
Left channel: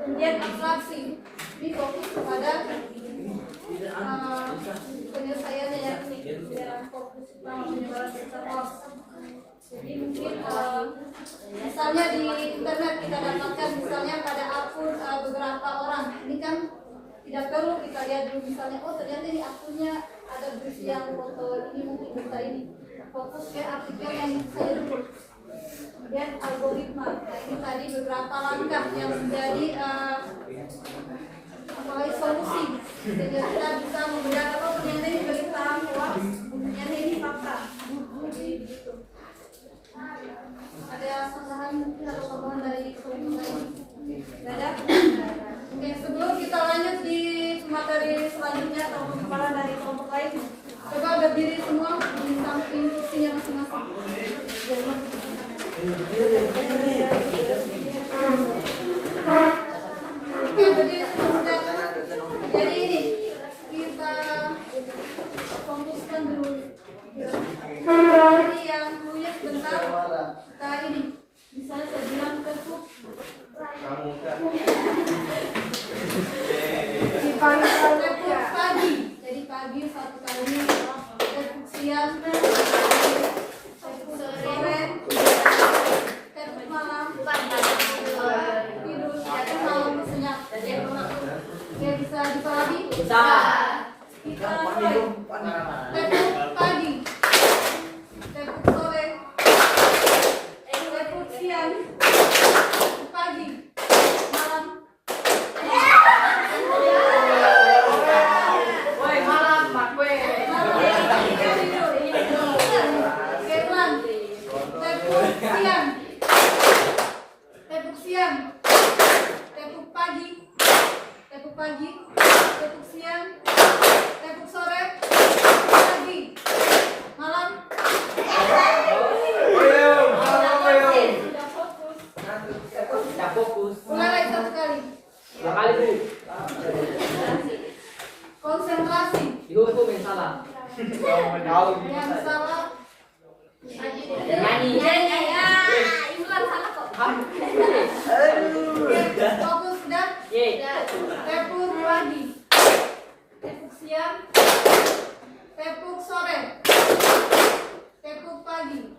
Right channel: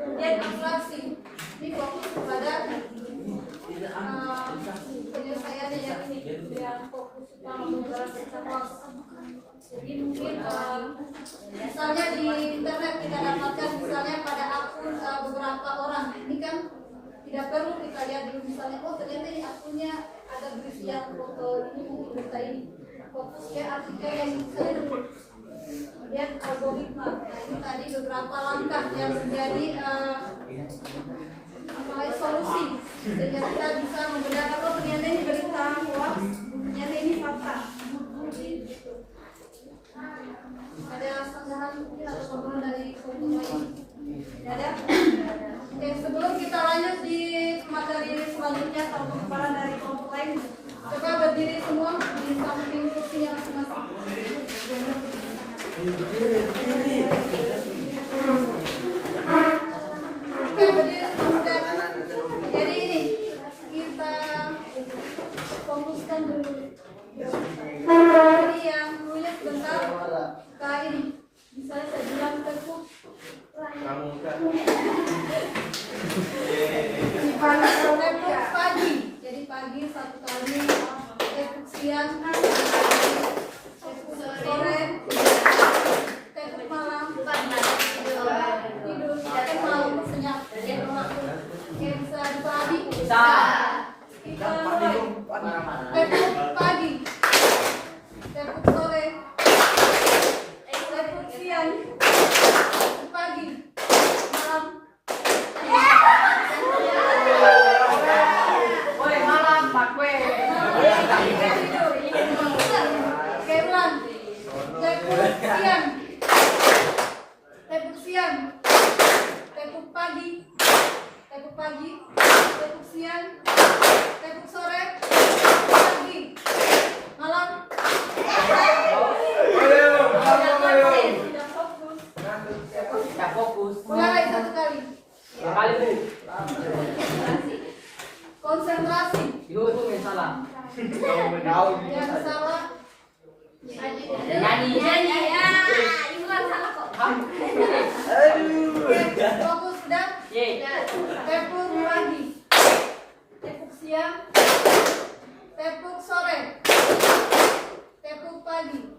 Kemudian abstraksi. Ini fokus kepada penyelesaiannya yang fokus utama penyebaran berita hoax. Jadi mungkin misalnya di internet kita dapatkan misalnya pada akun beberapa orang. Ini kan tidak perlu kita lihat dulu misalnya, oh ternyata di akunnya ada berisi yang foto ini mungkin berita ini. Fokus ke artikel yang saya dulu. Kemudian algoritma. Nah ini tadi beberapa langkah yang menjadi solusi sehingga kita bisa membedakan oh ternyata ini berita hoax, ternyata ini fakta. Jadi gitu. Ada sanggahan mungkin atau tambahan dari kelompok lain? Tidak ada? Oke, sebelum kita lanjut di materi selanjutnya atau pemaparan dari kelompok lain, coba berdiri semua di samping kursinya masing-masing. Oke, berdiri semua. Jadi ini kita fokuskan dulu. Jadi yang nulis bentar kita ini bisa saya bilang Facebook. Facebook pagi. Jadi pagi satu kali, Facebook siang, Facebook sore, Facebook malam, tidur jadi mau senyap. Dia bisa dipahami? Bisa. Kita mulai. Facebook pagi, Facebook sore, Facebook siang, pagi, malam. Woi, malam, Pak Wei. Oke, ulang. Facebook siang, Facebook siang, Facebook pagi, Facebook pagi, Facebook siang, Facebook sore, pagi, malam. Ya fokus. Ulang lagi satu kali. Dua kali, Bu. Konsentrasi. Itu salah. Yang salah. Nyanyi. Ibu kan salah kok. Fokus dan Ye. Facebook pagi, Facebook siang, Facebook sore, Facebook pagi,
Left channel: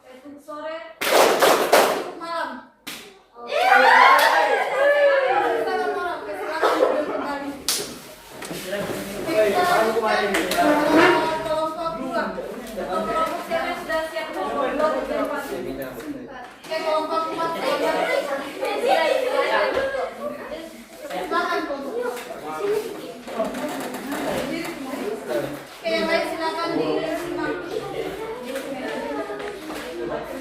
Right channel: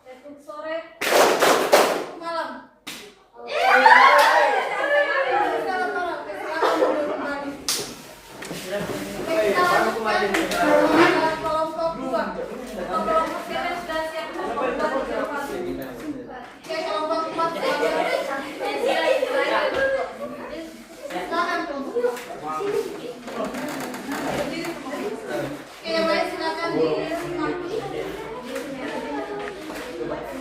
Facebook sore, Facebook malam. Kelompok dua. Kelompok tiga sudah siap. Kelompok dua, tiga, empat. Kelompok empat. Baik,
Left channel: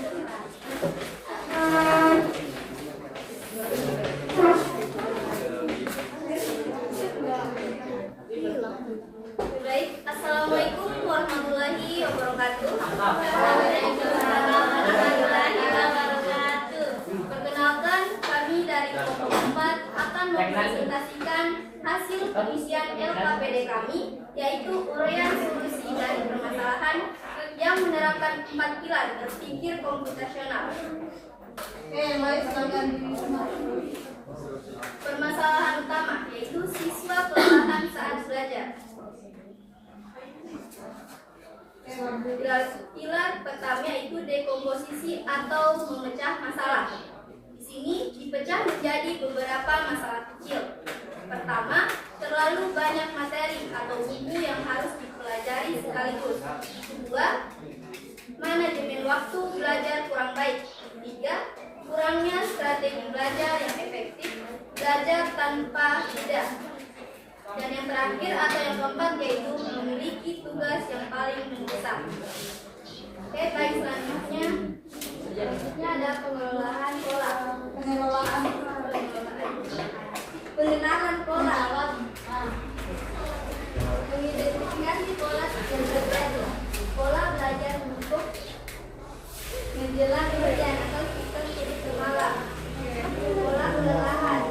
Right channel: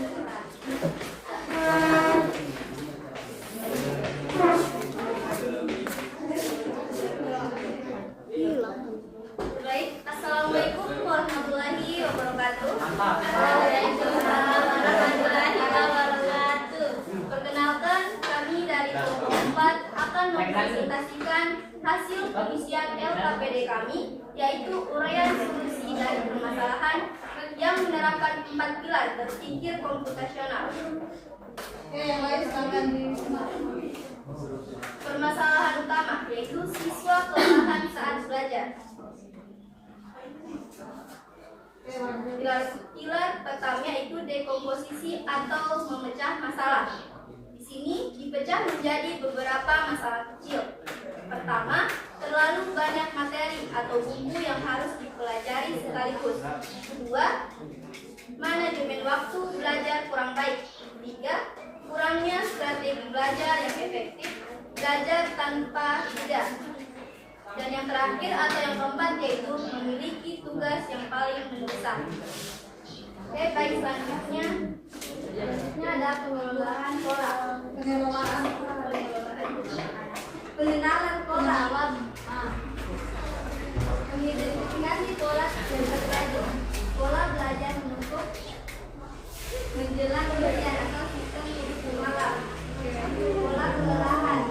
Assalamualaikum warahmatullahi wabarakatuh. Waalaikumsalam warahmatullahi wabarakatuh. Perkenalkan, kami dari kelompok 4 akan mempresentasikan hasil pengisian LKPD kami, yaitu uraian solusi dari permasalahan yang menerapkan 4 pilar berpikir komputasional. Oke, yang lain silakan disematkan. Permasalahan utama yaitu siswa kelelahan saat belajar. Pilar pertama yaitu dekomposisi atau memecah masalah. Di sini dipecah menjadi beberapa masalah kecil. Pertama, terlalu banyak materi atau buku yang harus dipelajari sekaligus. Kedua, manajemen waktu belajar kurang baik. Tiga, kurangnya strategi belajar yang efektif, belajar tanpa jeda. Dan yang terakhir atau yang keempat yaitu memiliki tugas yang paling mendesak. Oke, baik, selanjutnya ada pengelolaan pola. Pengenalan pola. Mengidentifikasi pola yang terjadi. Pola belajar menumpuk menjelang ujian atau sistem tulis semalam. Pola kelelahan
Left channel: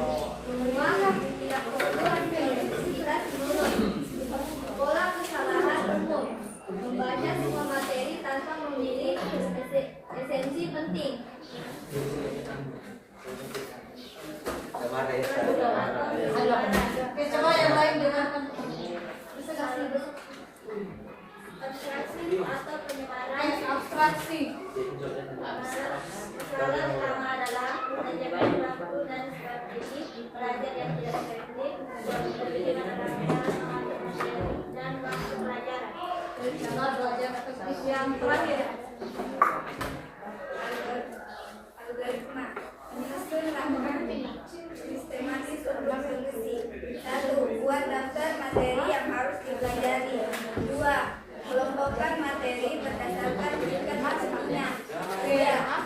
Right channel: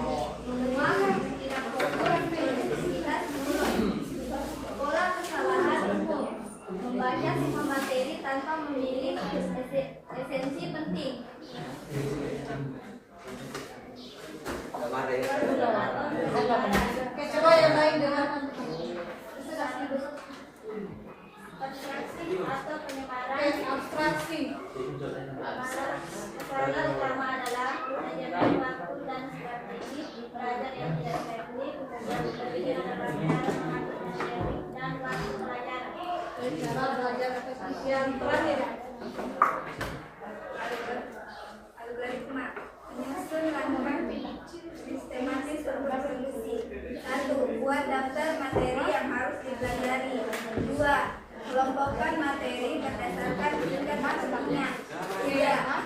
menguap tidak fokus aktivitas dulu. Pola kesalahan umum membaca semua materi tanpa memilih esensi penting. Oke, coba yang lain dengarkan. Abstraksi atau penyebaran. Abstraksi. Masalah utama adalah manajemen waktu dan strategi belajar yang tidak efektif, yang berpikir mengatur materi dan waktu pelajaran. Cara belajar efektif yang terakhir. Algoritma menyusun rangkaian sistematis untuk solusi. 1. Buat daftar materi yang harus dipelajari. 2. Kelompokkan materi berdasarkan tingkat pastinya. 3.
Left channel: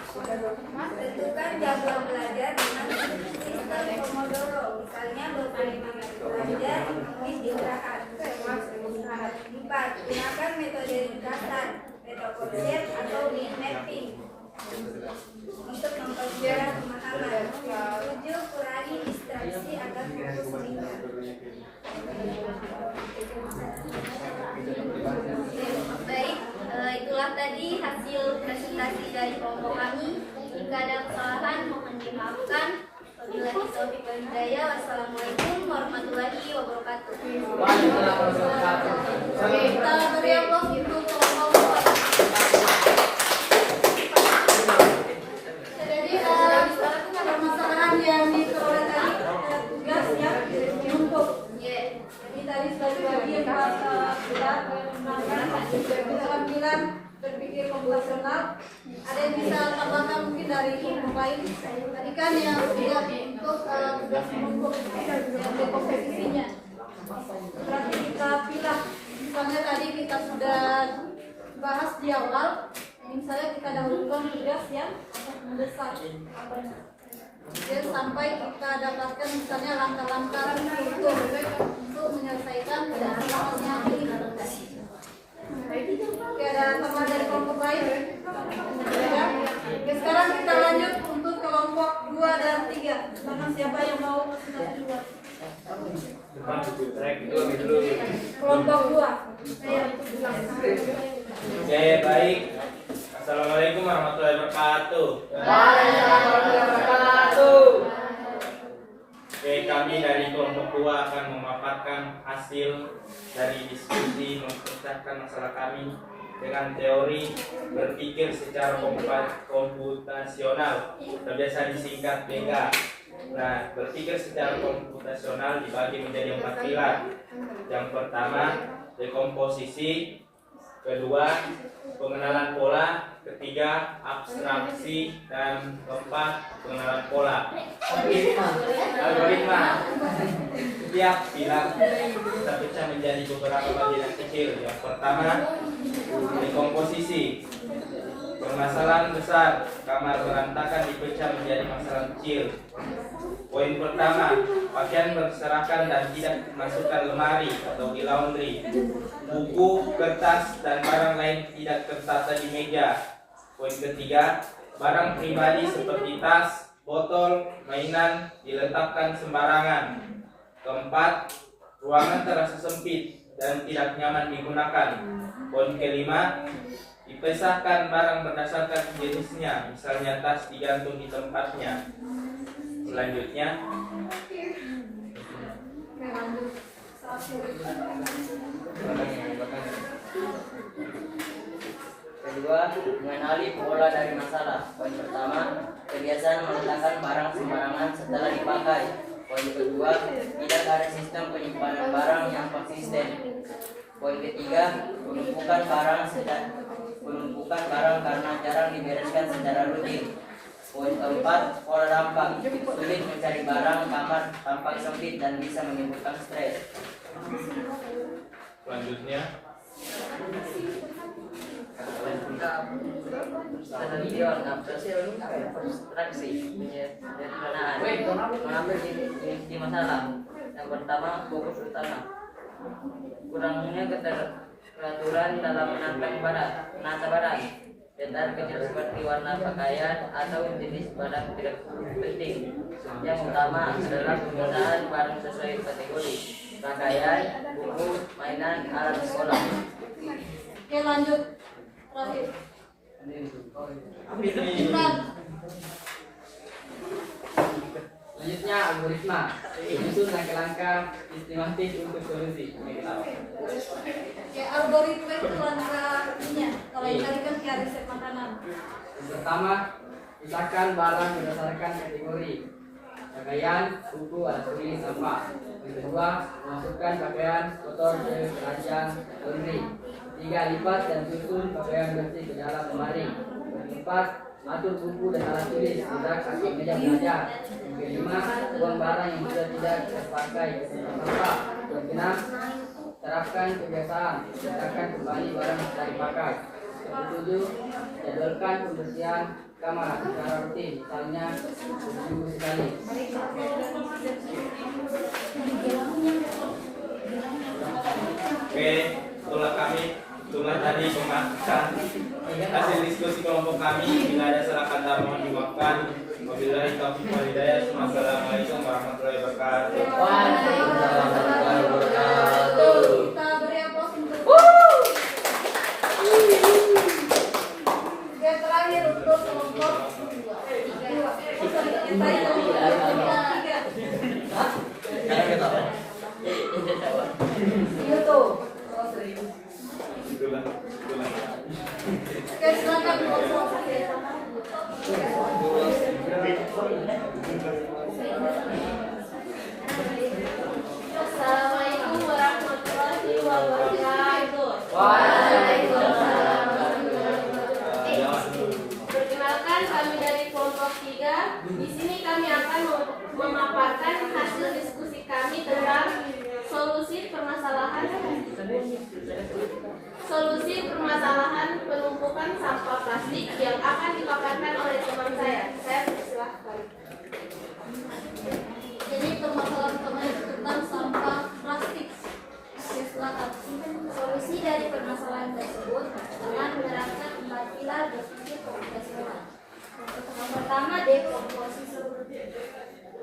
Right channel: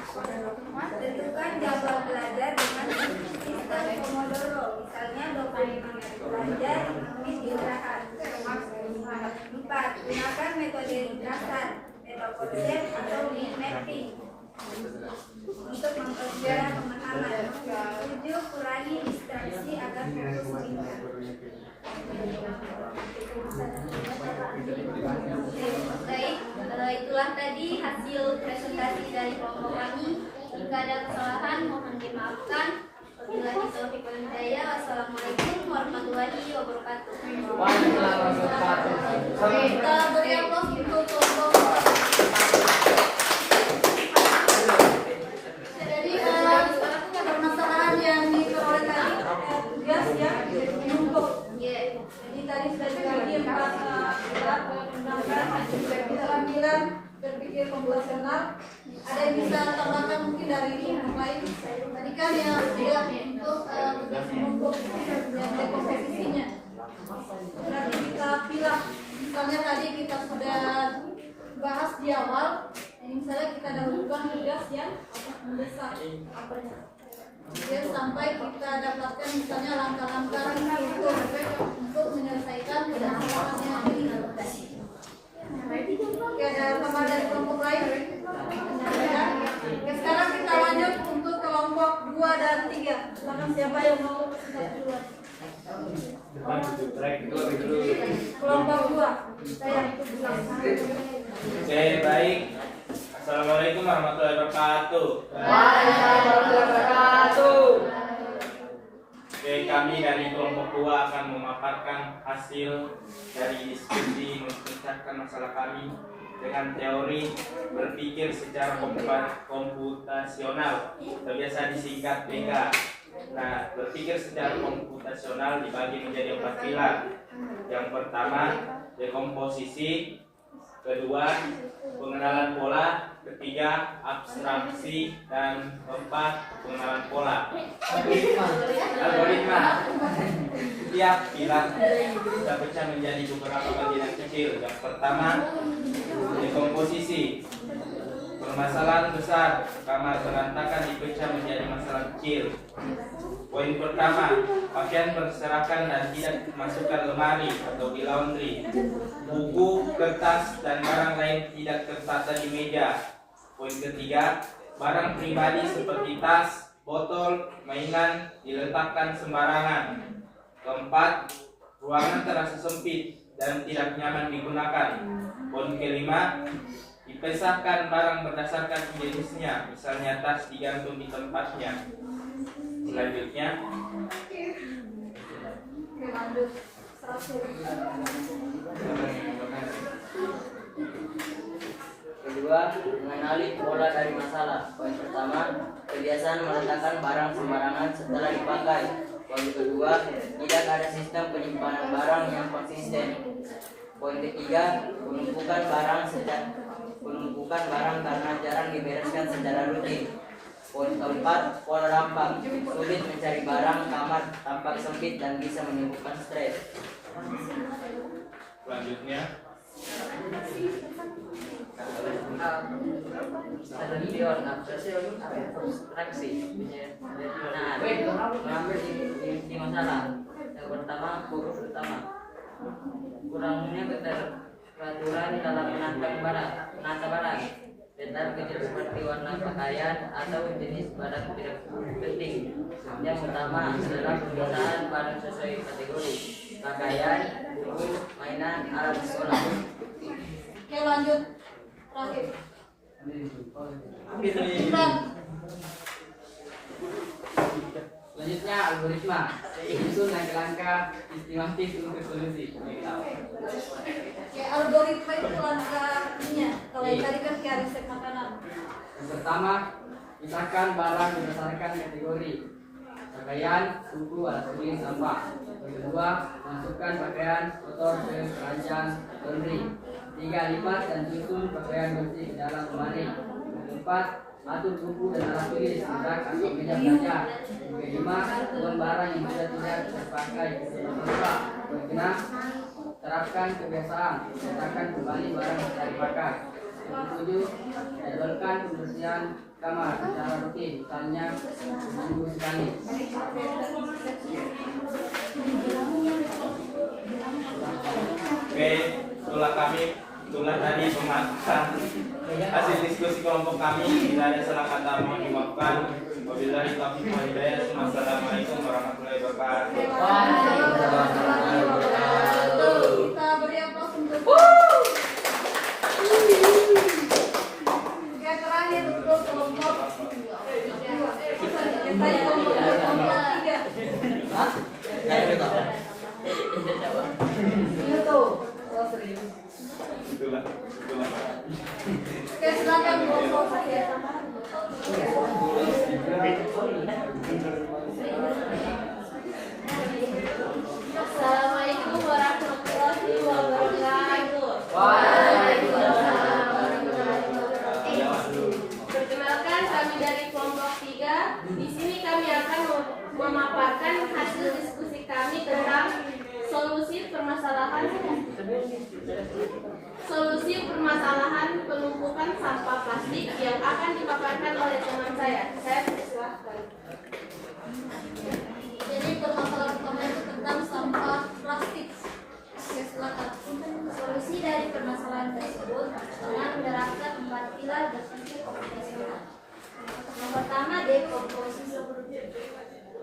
Tentukan jadwal belajar dengan sistem Pomodoro, misalnya 25 menit belajar, menit istirahat. 4. Gunakan metode ringkasan, metokonsep atau mind mapping untuk mempermudah pemahaman. 7. Kurangi distraksi agar fokus meningkat. Baik, itulah tadi hasil presentasi dari kelompok kami. Jika ada kesalahan mohon dimaafkan. Wabillahi taufiq wal hidayah. Wassalamualaikum warahmatullahi wabarakatuh. Oke, kita beri aplaus untuk kelompok 4. Jadi permasalahan yang diperoleh tadi tugas yang diumpuk. Jadi tadi sudah dibagi 4 pilar keterampilan berpikir komputasional. Ada yang bisa tambahkan mungkin dari kelompok lain? Tadi kan yang dilihat untuk tugas kelompok yang dekomposisinya. Berarti kita pilih. Misalnya tadi kita sudah bahas di awal. Misalnya kita dahulukan tugas yang mendesak. Dan sampai kita dapatkan misalnya langkah-langkah untuk menyelesaikan permasalahan ini. Oke, ada tambahan dari kelompok lain? Ya. Oke, sekarang kita lanjut untuk kelompok 2 dan 3. Silakan siapa yang mau presentasi duluan? Kelompok 2. Saya ikut duluan. Oke, baik. Assalamualaikum warahmatullahi wabarakatuh. Oke, kami dari kelompok 2 akan memaparkan hasil dari diskusi memecahkan masalah kami dengan teori berpikir secara komputasional, biasa disingkat BK. Nah, berpikir secara komputasional dibagi menjadi 4 pilar. Yang pertama, dekomposisi. Kedua, pengenalan pola. Ketiga, abstraksi. Dan keempat, pengenalan pola. Algoritma. Setiap pilar kita pecah menjadi beberapa bagian kecil. Yang pertama, dekomposisi. Permasalahan besar, kamar berantakan dipecah menjadi masalah kecil. Poin pertama, pakaian berserakan dan tidak dimasukkan lemari atau di laundry. Buku, kertas, dan barang lain tidak tertata di meja. Poin ketiga, barang pribadi seperti tas, botol, mainan diletakkan sembarangan. Keempat, ruangan terasa sempit dan tidak nyaman digunakan. Poin kelima, dipisahkan barang berdasarkan jenisnya, misalnya tas digantung di tempatnya. Selanjutnya, Kedua, mengenali pola dari masalah. Poin pertama, kebiasaan meletakkan barang sembarangan setelah dipakai. Poin kedua, tidak ada sistem penyimpanan barang yang konsisten. Poin ketiga, penumpukan barang karena jarang dibereskan secara rutin. Poin keempat, pola dampak. Sulit mencari barang, kamar tampak sempit dan bisa menimbulkan stres. selanjutnya, Ada video abstraksi. Nah, mengambil di masalah. Yang pertama, fokus utama. Kurangnya keteraturan dalam menata barang. Detail kecil seperti warna pakaian atau jenis barang tidak penting. Yang utama adalah penggunaan barang sesuai kategori: pakaian, buku, mainan, alat sekolah. Oke, lanjut. Terakhir. Imran. Selanjutnya algoritma. Itu langkah-langkah sistematis untuk solusi. Oke, algoritma itu langkahnya. Kalau yang tadi kan kayak resep makanan. Yang pertama, pisahkan barang berdasarkan kategori: pakaian, buku, alat tulis, sampah. Yang kedua, masukkan pakaian kotor ke keranjang laundry. 3. Lipat dan susun pakaian bersih ke dalam lemari. Yang keempat, atur buku dan alat tulis di rak atau meja belajar. Yang kelima, buang barang yang sudah tidak terpakai ke dalam sampah. Yang keenam, terapkan kebiasaan letakkan kembali barang yang sudah dipakai. Yang ketujuh, jadwalkan pembersihan kamar secara rutin, misalnya seminggu sekali. oke, itulah tadi pembahasan hasil diskusi kelompok kami. Bila ada salah kata mohon dimaafkan. Wabillahi taufiq wal hidayah. Assalamualaikum warahmatullahi wabarakatuh. Kita beri aplaus untuk. Oke, terakhir untuk kelompok 2. Yang tadi kelompok 3. Itu. Itulah. Oke, silakan kelompok 3. Assalamualaikum warahmatullahi wabarakatuh. Waalaikumsalam. Perkenalkan, kami dari kelompok 3. Di sini kami akan memaparkan hasil diskusi kami tentang solusi permasalahan penumpukan sampah plastik yang akan dipaparkan oleh teman saya. Saya persilahkan. Jadi permasalahan pertama itu tentang sampah plastik. Oke, silakan. Solusi dari permasalahan tersebut dengan menerapkan 4 pilar berpikir komputasional. Yang pertama, dekomposisi.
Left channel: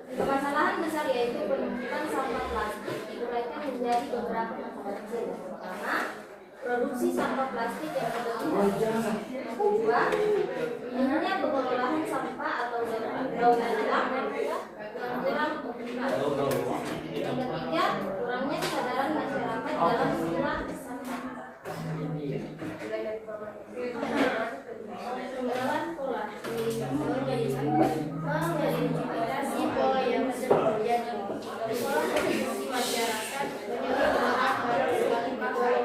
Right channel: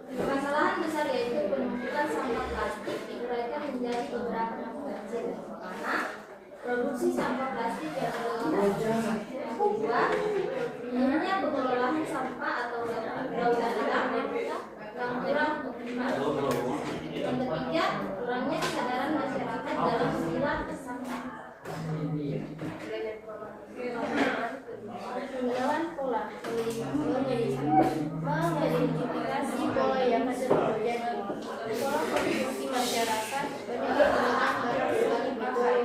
Permasalahan besar yaitu penumpukan sampah plastik diuraikan menjadi beberapa masalah kecil. Pertama, produksi sampah plastik yang berlebihan. Kedua, minimnya pengelolaan sampah atau daur ulang yang kurang optimal. Yang ketiga, kurangnya kesadaran masyarakat dalam memilah sampah. Pengetahuan pola mengidentifikasi pola yang sering terjadi. Pola konsumsi masyarakat menyebabkan barang sekali pakai.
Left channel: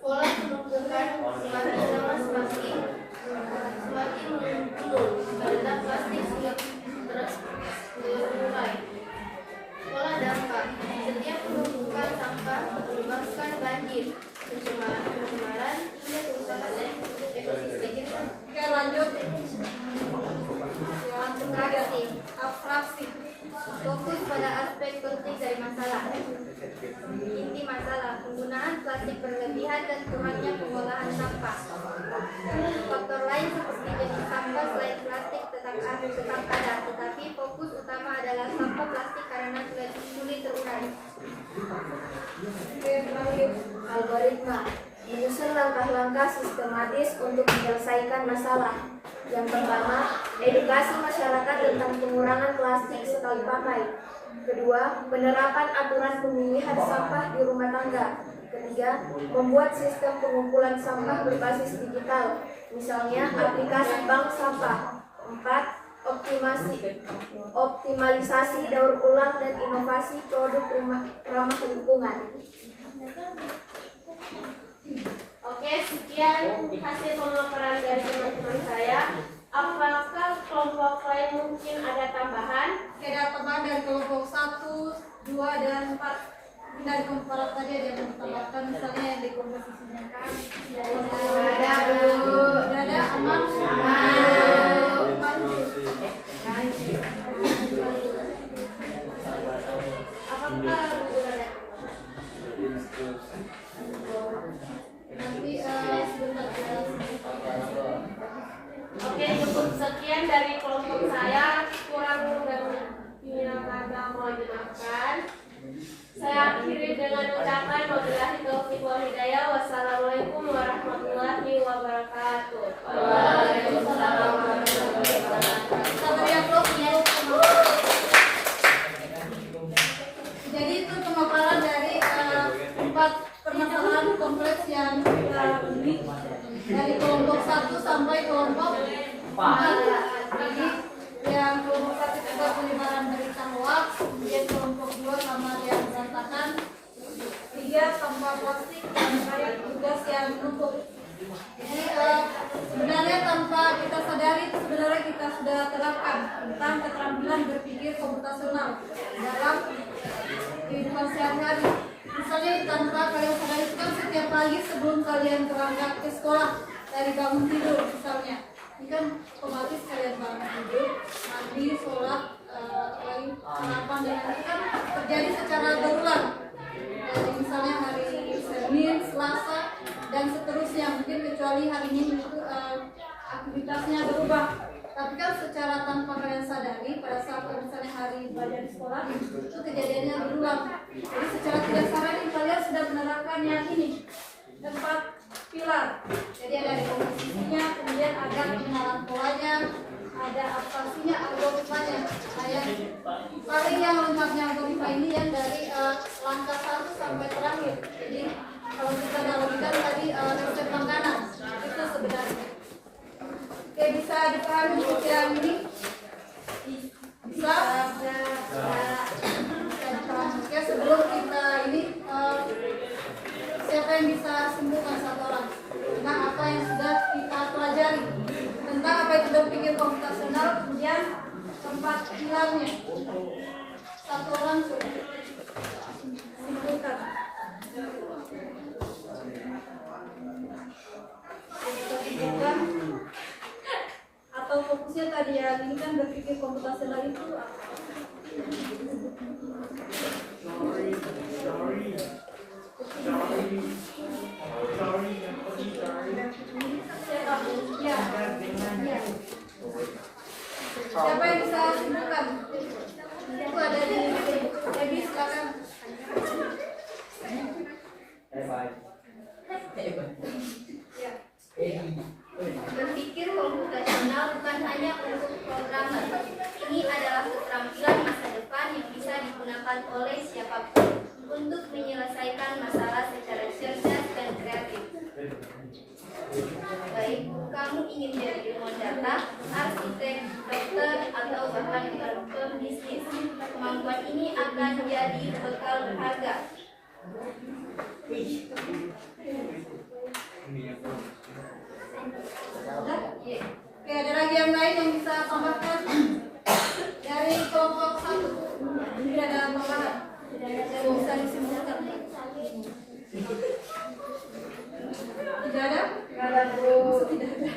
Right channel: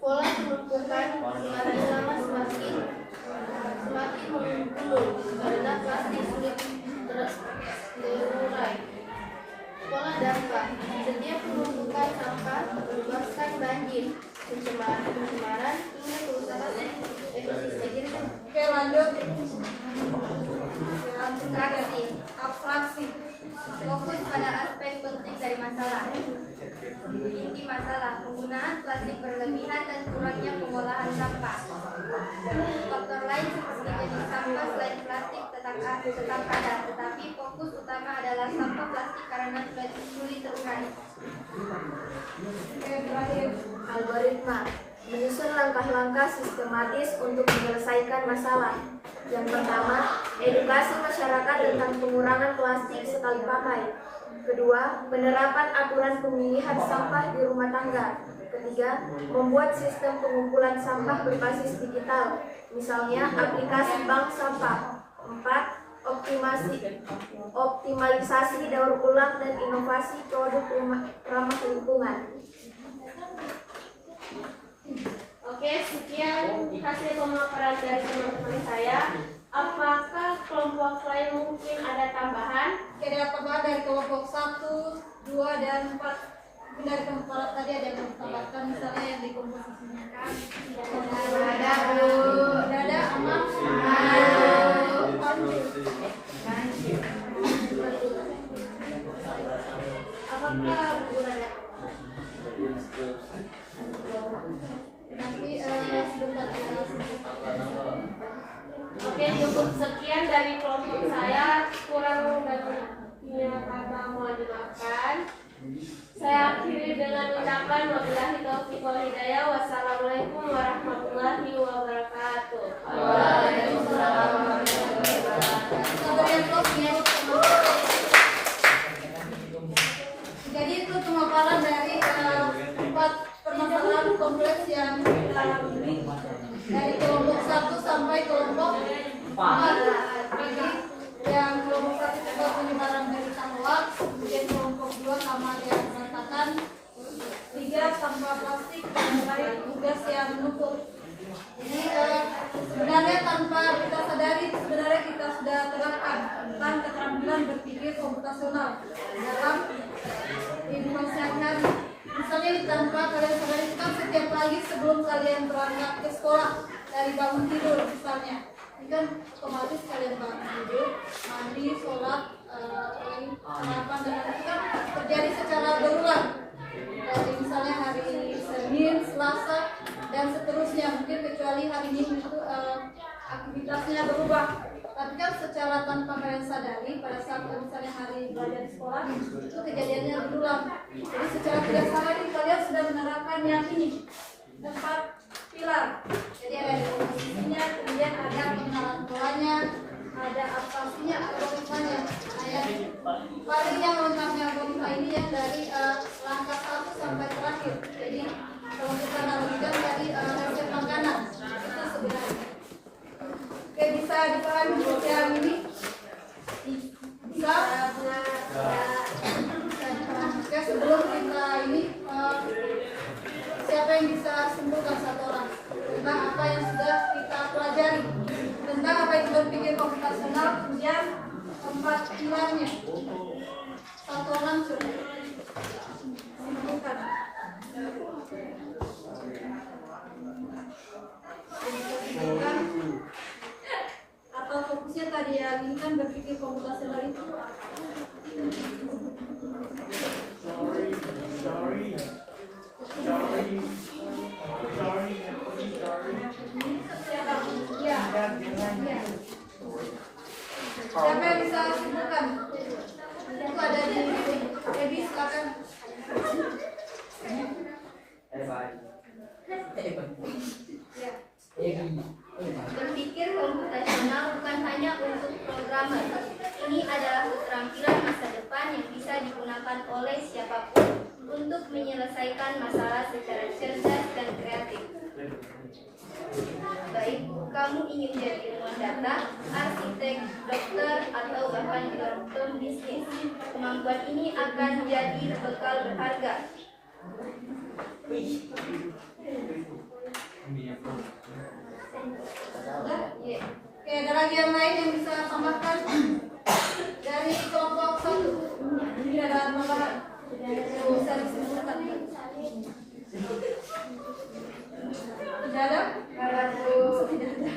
Pola penumpukan semakin lama semakin menurun karena plastik sulit terurai. Pola dampak. Setiap penumpukan sampah menyebabkan banjir, pencemaran hingga kerusakan lanjut. Abstraksi. Abstraksi. Fokus pada aspek penting dari masalah. Inti masalah, penggunaan plastik berlebihan dan kurangnya pengolahan sampah. Faktor lain seperti jenis sampah selain plastik tetap ada, tetapi fokus utama adalah sampah plastik karena sulit terurai. Oke, terakhir. Algoritma menyusun langkah-langkah sistematis untuk menyelesaikan masalah. Yang pertama, edukasi masyarakat tentang pengurangan plastik sekali pakai. Kedua, penerapan aturan pemilihan sampah di rumah tangga. Ketiga, membuat sistem pengumpulan sampah berbasis digital, misalnya aplikasi bank sampah. Empat, optimalisasi daur ulang dan inovasi produk ramah lingkungan. Oke, sekian hasil pemaparan dari teman-teman saya. Apakah kelompok lain mungkin ada tambahan? Oke, ada tambahan dari kelompok 1, 2, dan 4. Mungkin dari kelompok tadi ada yang menambahkan misalnya yang dekomposisinya kan. Ada aman. Apakah buku ada? Nanti sebentar lagi. Oke, cukup sekian dari kelompok saya. Kurang dan lebihnya kata mohon dimaafkan. Saya akhiri dengan ucapan wabillahi taufiq wal hidayah. Wassalamualaikum warahmatullahi wabarakatuh. Waalaikumsalam warahmatullahi wabarakatuh. Sabar ya, Bro. Jadi itu pemaparan dari 4 permasalahan kompleks yang kita lalui dari kelompok 1 sampai kelompok 4. Jadi yang kelompok 1 juga penyebaran berita hoax, kemudian kelompok 2 sama yang berantakan, 3 sampah plastik, dan terakhir tugas yang menumpuk. Jadi sebenarnya tanpa kita sadari sebenarnya kita sudah terapkan tentang keterampilan berpikir komputasional dalam kehidupan sehari-hari. Misalnya tanpa kalian sadari itu kan setiap pagi sebelum kalian berangkat ke sekolah dari bangun tidur misalnya, ini kan otomatis kalian bangun tidur, mandi, sholat, sarapan dan itu kan terjadi secara berulang. Misalnya hari Senin, Selasa, dan seterusnya, mungkin kecuali hari Minggu itu aktivitasnya berubah. Tapi kan secara tanpa kalian sadari pada saat misalnya hari belajar di sekolah itu kejadiannya berulang. Jadi secara tidak sadari kalian sudah menerapkan yang ini 4 pilar. Jadi ada komposisinya, kemudian ada pengenalan polanya, ada abstraksinya, algoritmanya. Paling yang lengkapnya algoritma ini yang dari langkah 1 sampai terakhir. Jadi kalau kita analogikan tadi resep makanan itu sebenarnya. Oke, bisa dipahami untuk yang ini? Bisa? Oke, sebelum kita ini siapa yang bisa simpulkan satu orang tentang apa yang sudah kita pelajari tentang apa itu berpikir komputasional, kemudian 4 pilarnya. Satu orang coba simpulkan. Simpulkan atau fokusnya tadi yang ini kan berpikir komputasional itu siapa? Ya. Siapa yang bisa simpulkan? Itu ada di Ebi, silakan. Ya. Berpikir komputasional bukan hanya untuk programmer. Ini adalah keterampilan masa depan yang bisa digunakan oleh siapapun untuk menyelesaikan masalah secara cerdas dan kreatif. Baik kamu ingin jadi ilmuwan data, arsitek, dokter, atau bahkan pembisnis, kemampuan ini akan menjadi bekal berharga. Oke, ada lagi yang lain yang bisa tambahkan dari kelompok 1? Tidak ada tambahan yang bisa disimpulkan. Tidak ada? Tidak ada.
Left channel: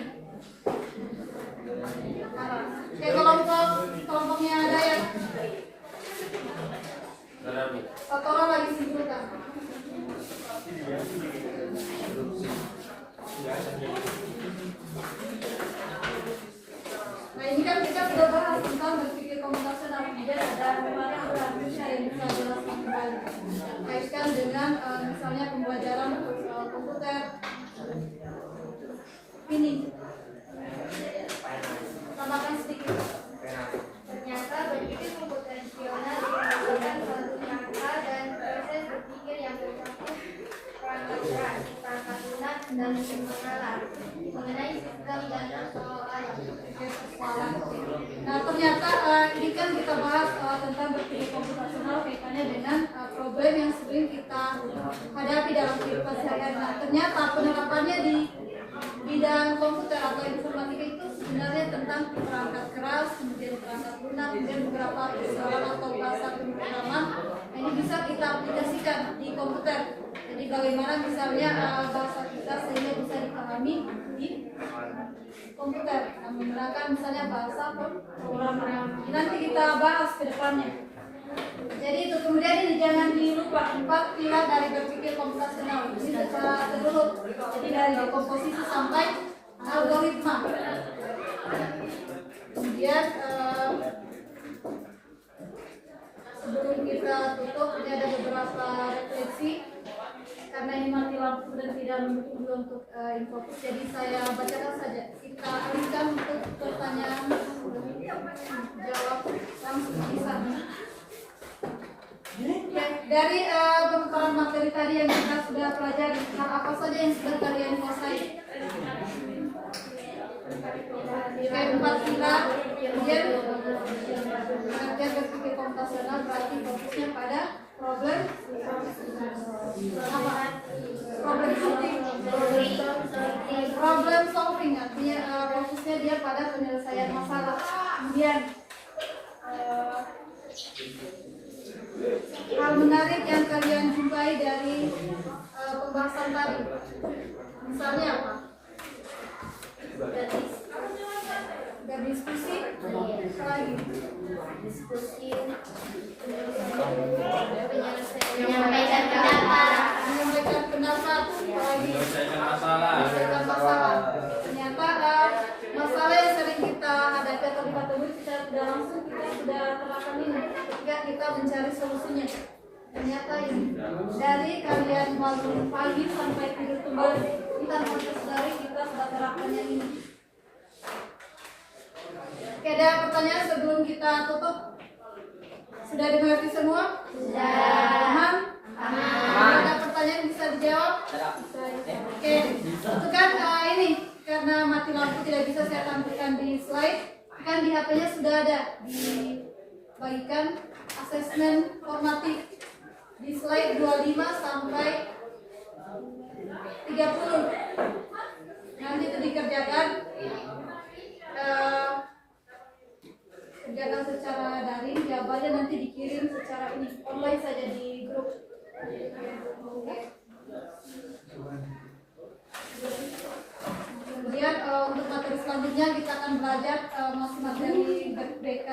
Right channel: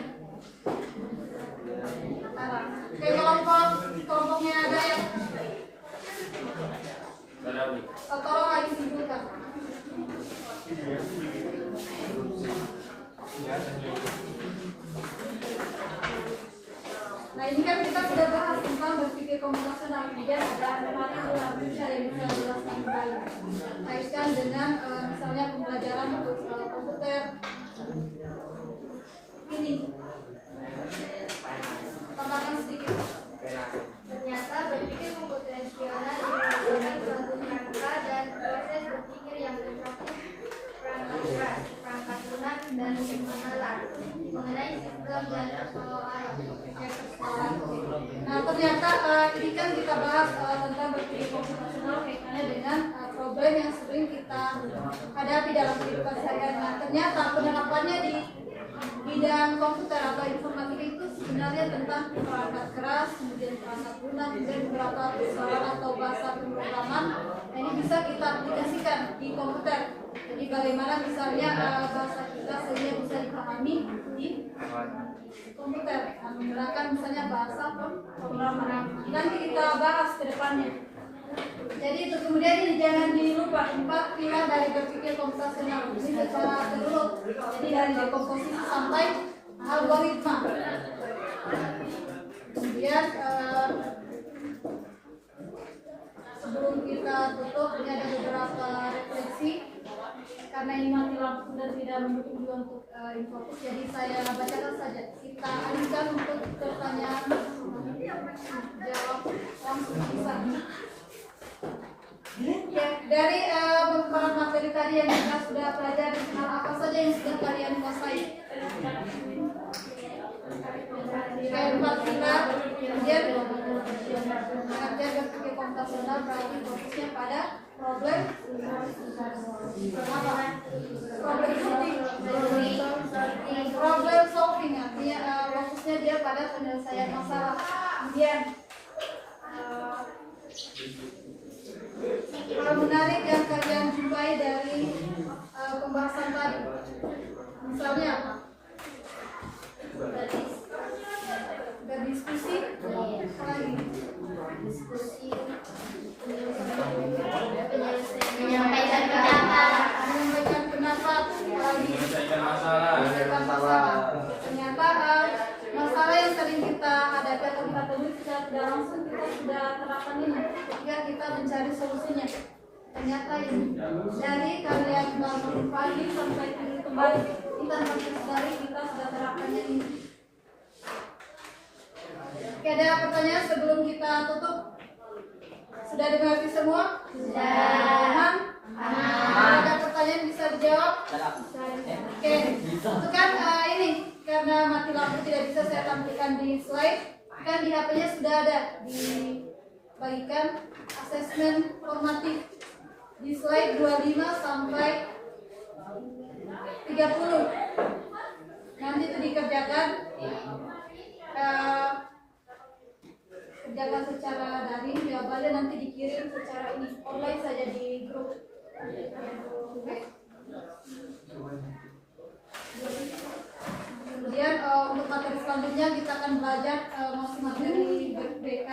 Nah ini kan kita sudah bahas tentang berpikir komputasional, kemudian ada matematika yang bisa jelaskan kembali kaitkan dengan misalnya pembelajaran komputer ini. Tambahkan sedikit. Ternyata berpikir komputasional diperlukan suatu rangka dan proses berpikir yang mencakup perangkat keras, perangkat lunak, dan pengenalan mengenai sistem dan persoalan. Nah ternyata ini kan kita bahas tentang berpikir komputasional kaitannya dengan problem yang sering kita hadapi dalam kehidupan sehari-hari. Nah ternyata penerapannya di bidang komputer atau informatika itu sebenarnya tentang perangkat keras, kemudian perangkat lunak, kemudian beberapa persoalan atau bahasa pemrograman. Nah, ini bisa kita aplikasikan di komputer. Jadi bagaimana misalnya bahasa kita sehingga bisa dipahami di komputer menggunakan misalnya bahasa pemrograman. Nanti kita bahas ke depannya. Jadi itu kemudian ini jangan dilupa 4 pilar dari berpikir komputasional. Ini secara dulu. Jadi dari dekomposisi sampai algoritma. Kemudian sebelum kita tutup ini ada beberapa refleksi. Karena ini mati lampu dan tidak mendukung juga untuk infokus, jadi saya bacakan saja. Kita alihkan untuk pertanyaan jawab langsung bisa. Ya, dari beberapa materi tadi yang kita sudah pelajari, hal apa saja yang sudah kalian kuasai? Empat pilar, kemudian belajar berpikir komputasional berarti fokusnya pada problem solving, artinya fokusnya dia pada penyelesaian masalah. Kemudian hal menarik yang kalian jumpai dari pembahasan tadi, misalnya apa? Berdiskusi, Diskusi, Menyampaikan pendapat. menyampaikan pendapat, Menyelesaikan masalah. menyelesaikan masalah. Ternyata masalah yang sering kita hadapi atau kita temui secara tidak langsung kita sudah terapkan ini ketika kita mencari solusinya. Ternyata ini dari kalian bangun pagi sampai tidur kembali kita masih sadari kita sudah terapkannya ini. Oke, ada pertanyaan sebelum kita tutup? Sudah dimengerti semua? Sudah. Aman? Ada pertanyaan bisa dijawab? Oke, itu kan ini karena mati lampu tidak bisa saya tampilkan di slide. Kan di HP-nya sudah ada dibagikan asesmen formatif di slide 25 sampai 30. Nanti itu dikerjakan. Kerjakan secara daring, jawabannya nanti dikirim secara ini online saja di grup. Kemudian untuk materi selanjutnya kita akan belajar masih materi BK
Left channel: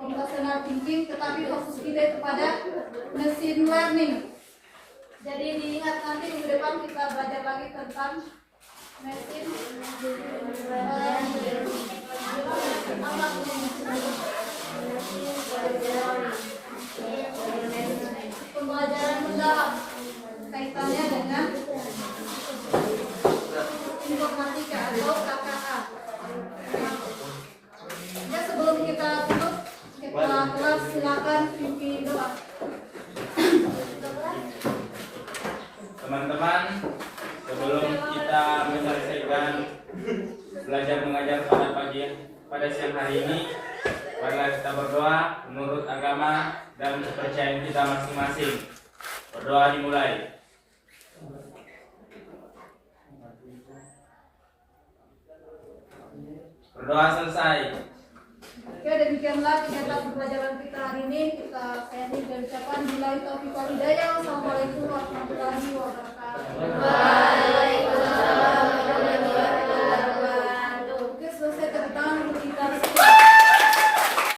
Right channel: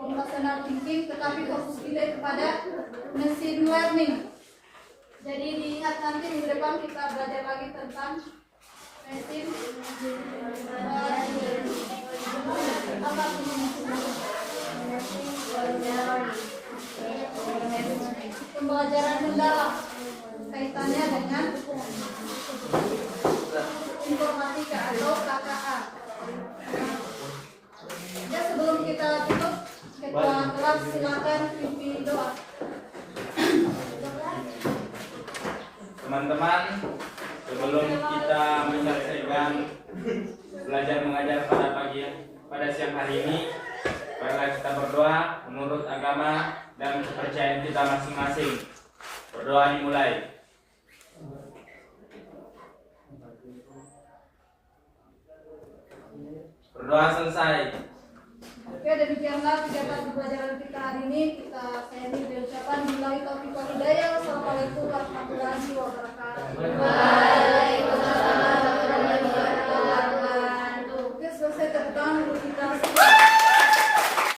computational thinking, tetapi fokus kita itu pada machine learning. Jadi diingat nanti minggu depan kita belajar lagi tentang machine pembelajaran mendalam kaitannya dengan informatika atau KKA. Ya, sebelum kita tutup kita kelas silakan pimpin doa. Teman-teman, sebelum kita menyelesaikan belajar mengajar pada siang hari ini, marilah kita berdoa menurut agama dan kepercayaan kita masing-masing. Berdoa dimulai. Berdoa selesai. Oke, demikianlah kegiatan pembelajaran kita hari ini. Saya ini ucapkan billahi taufiq wal hidayah. Wassalamualaikum warahmatullahi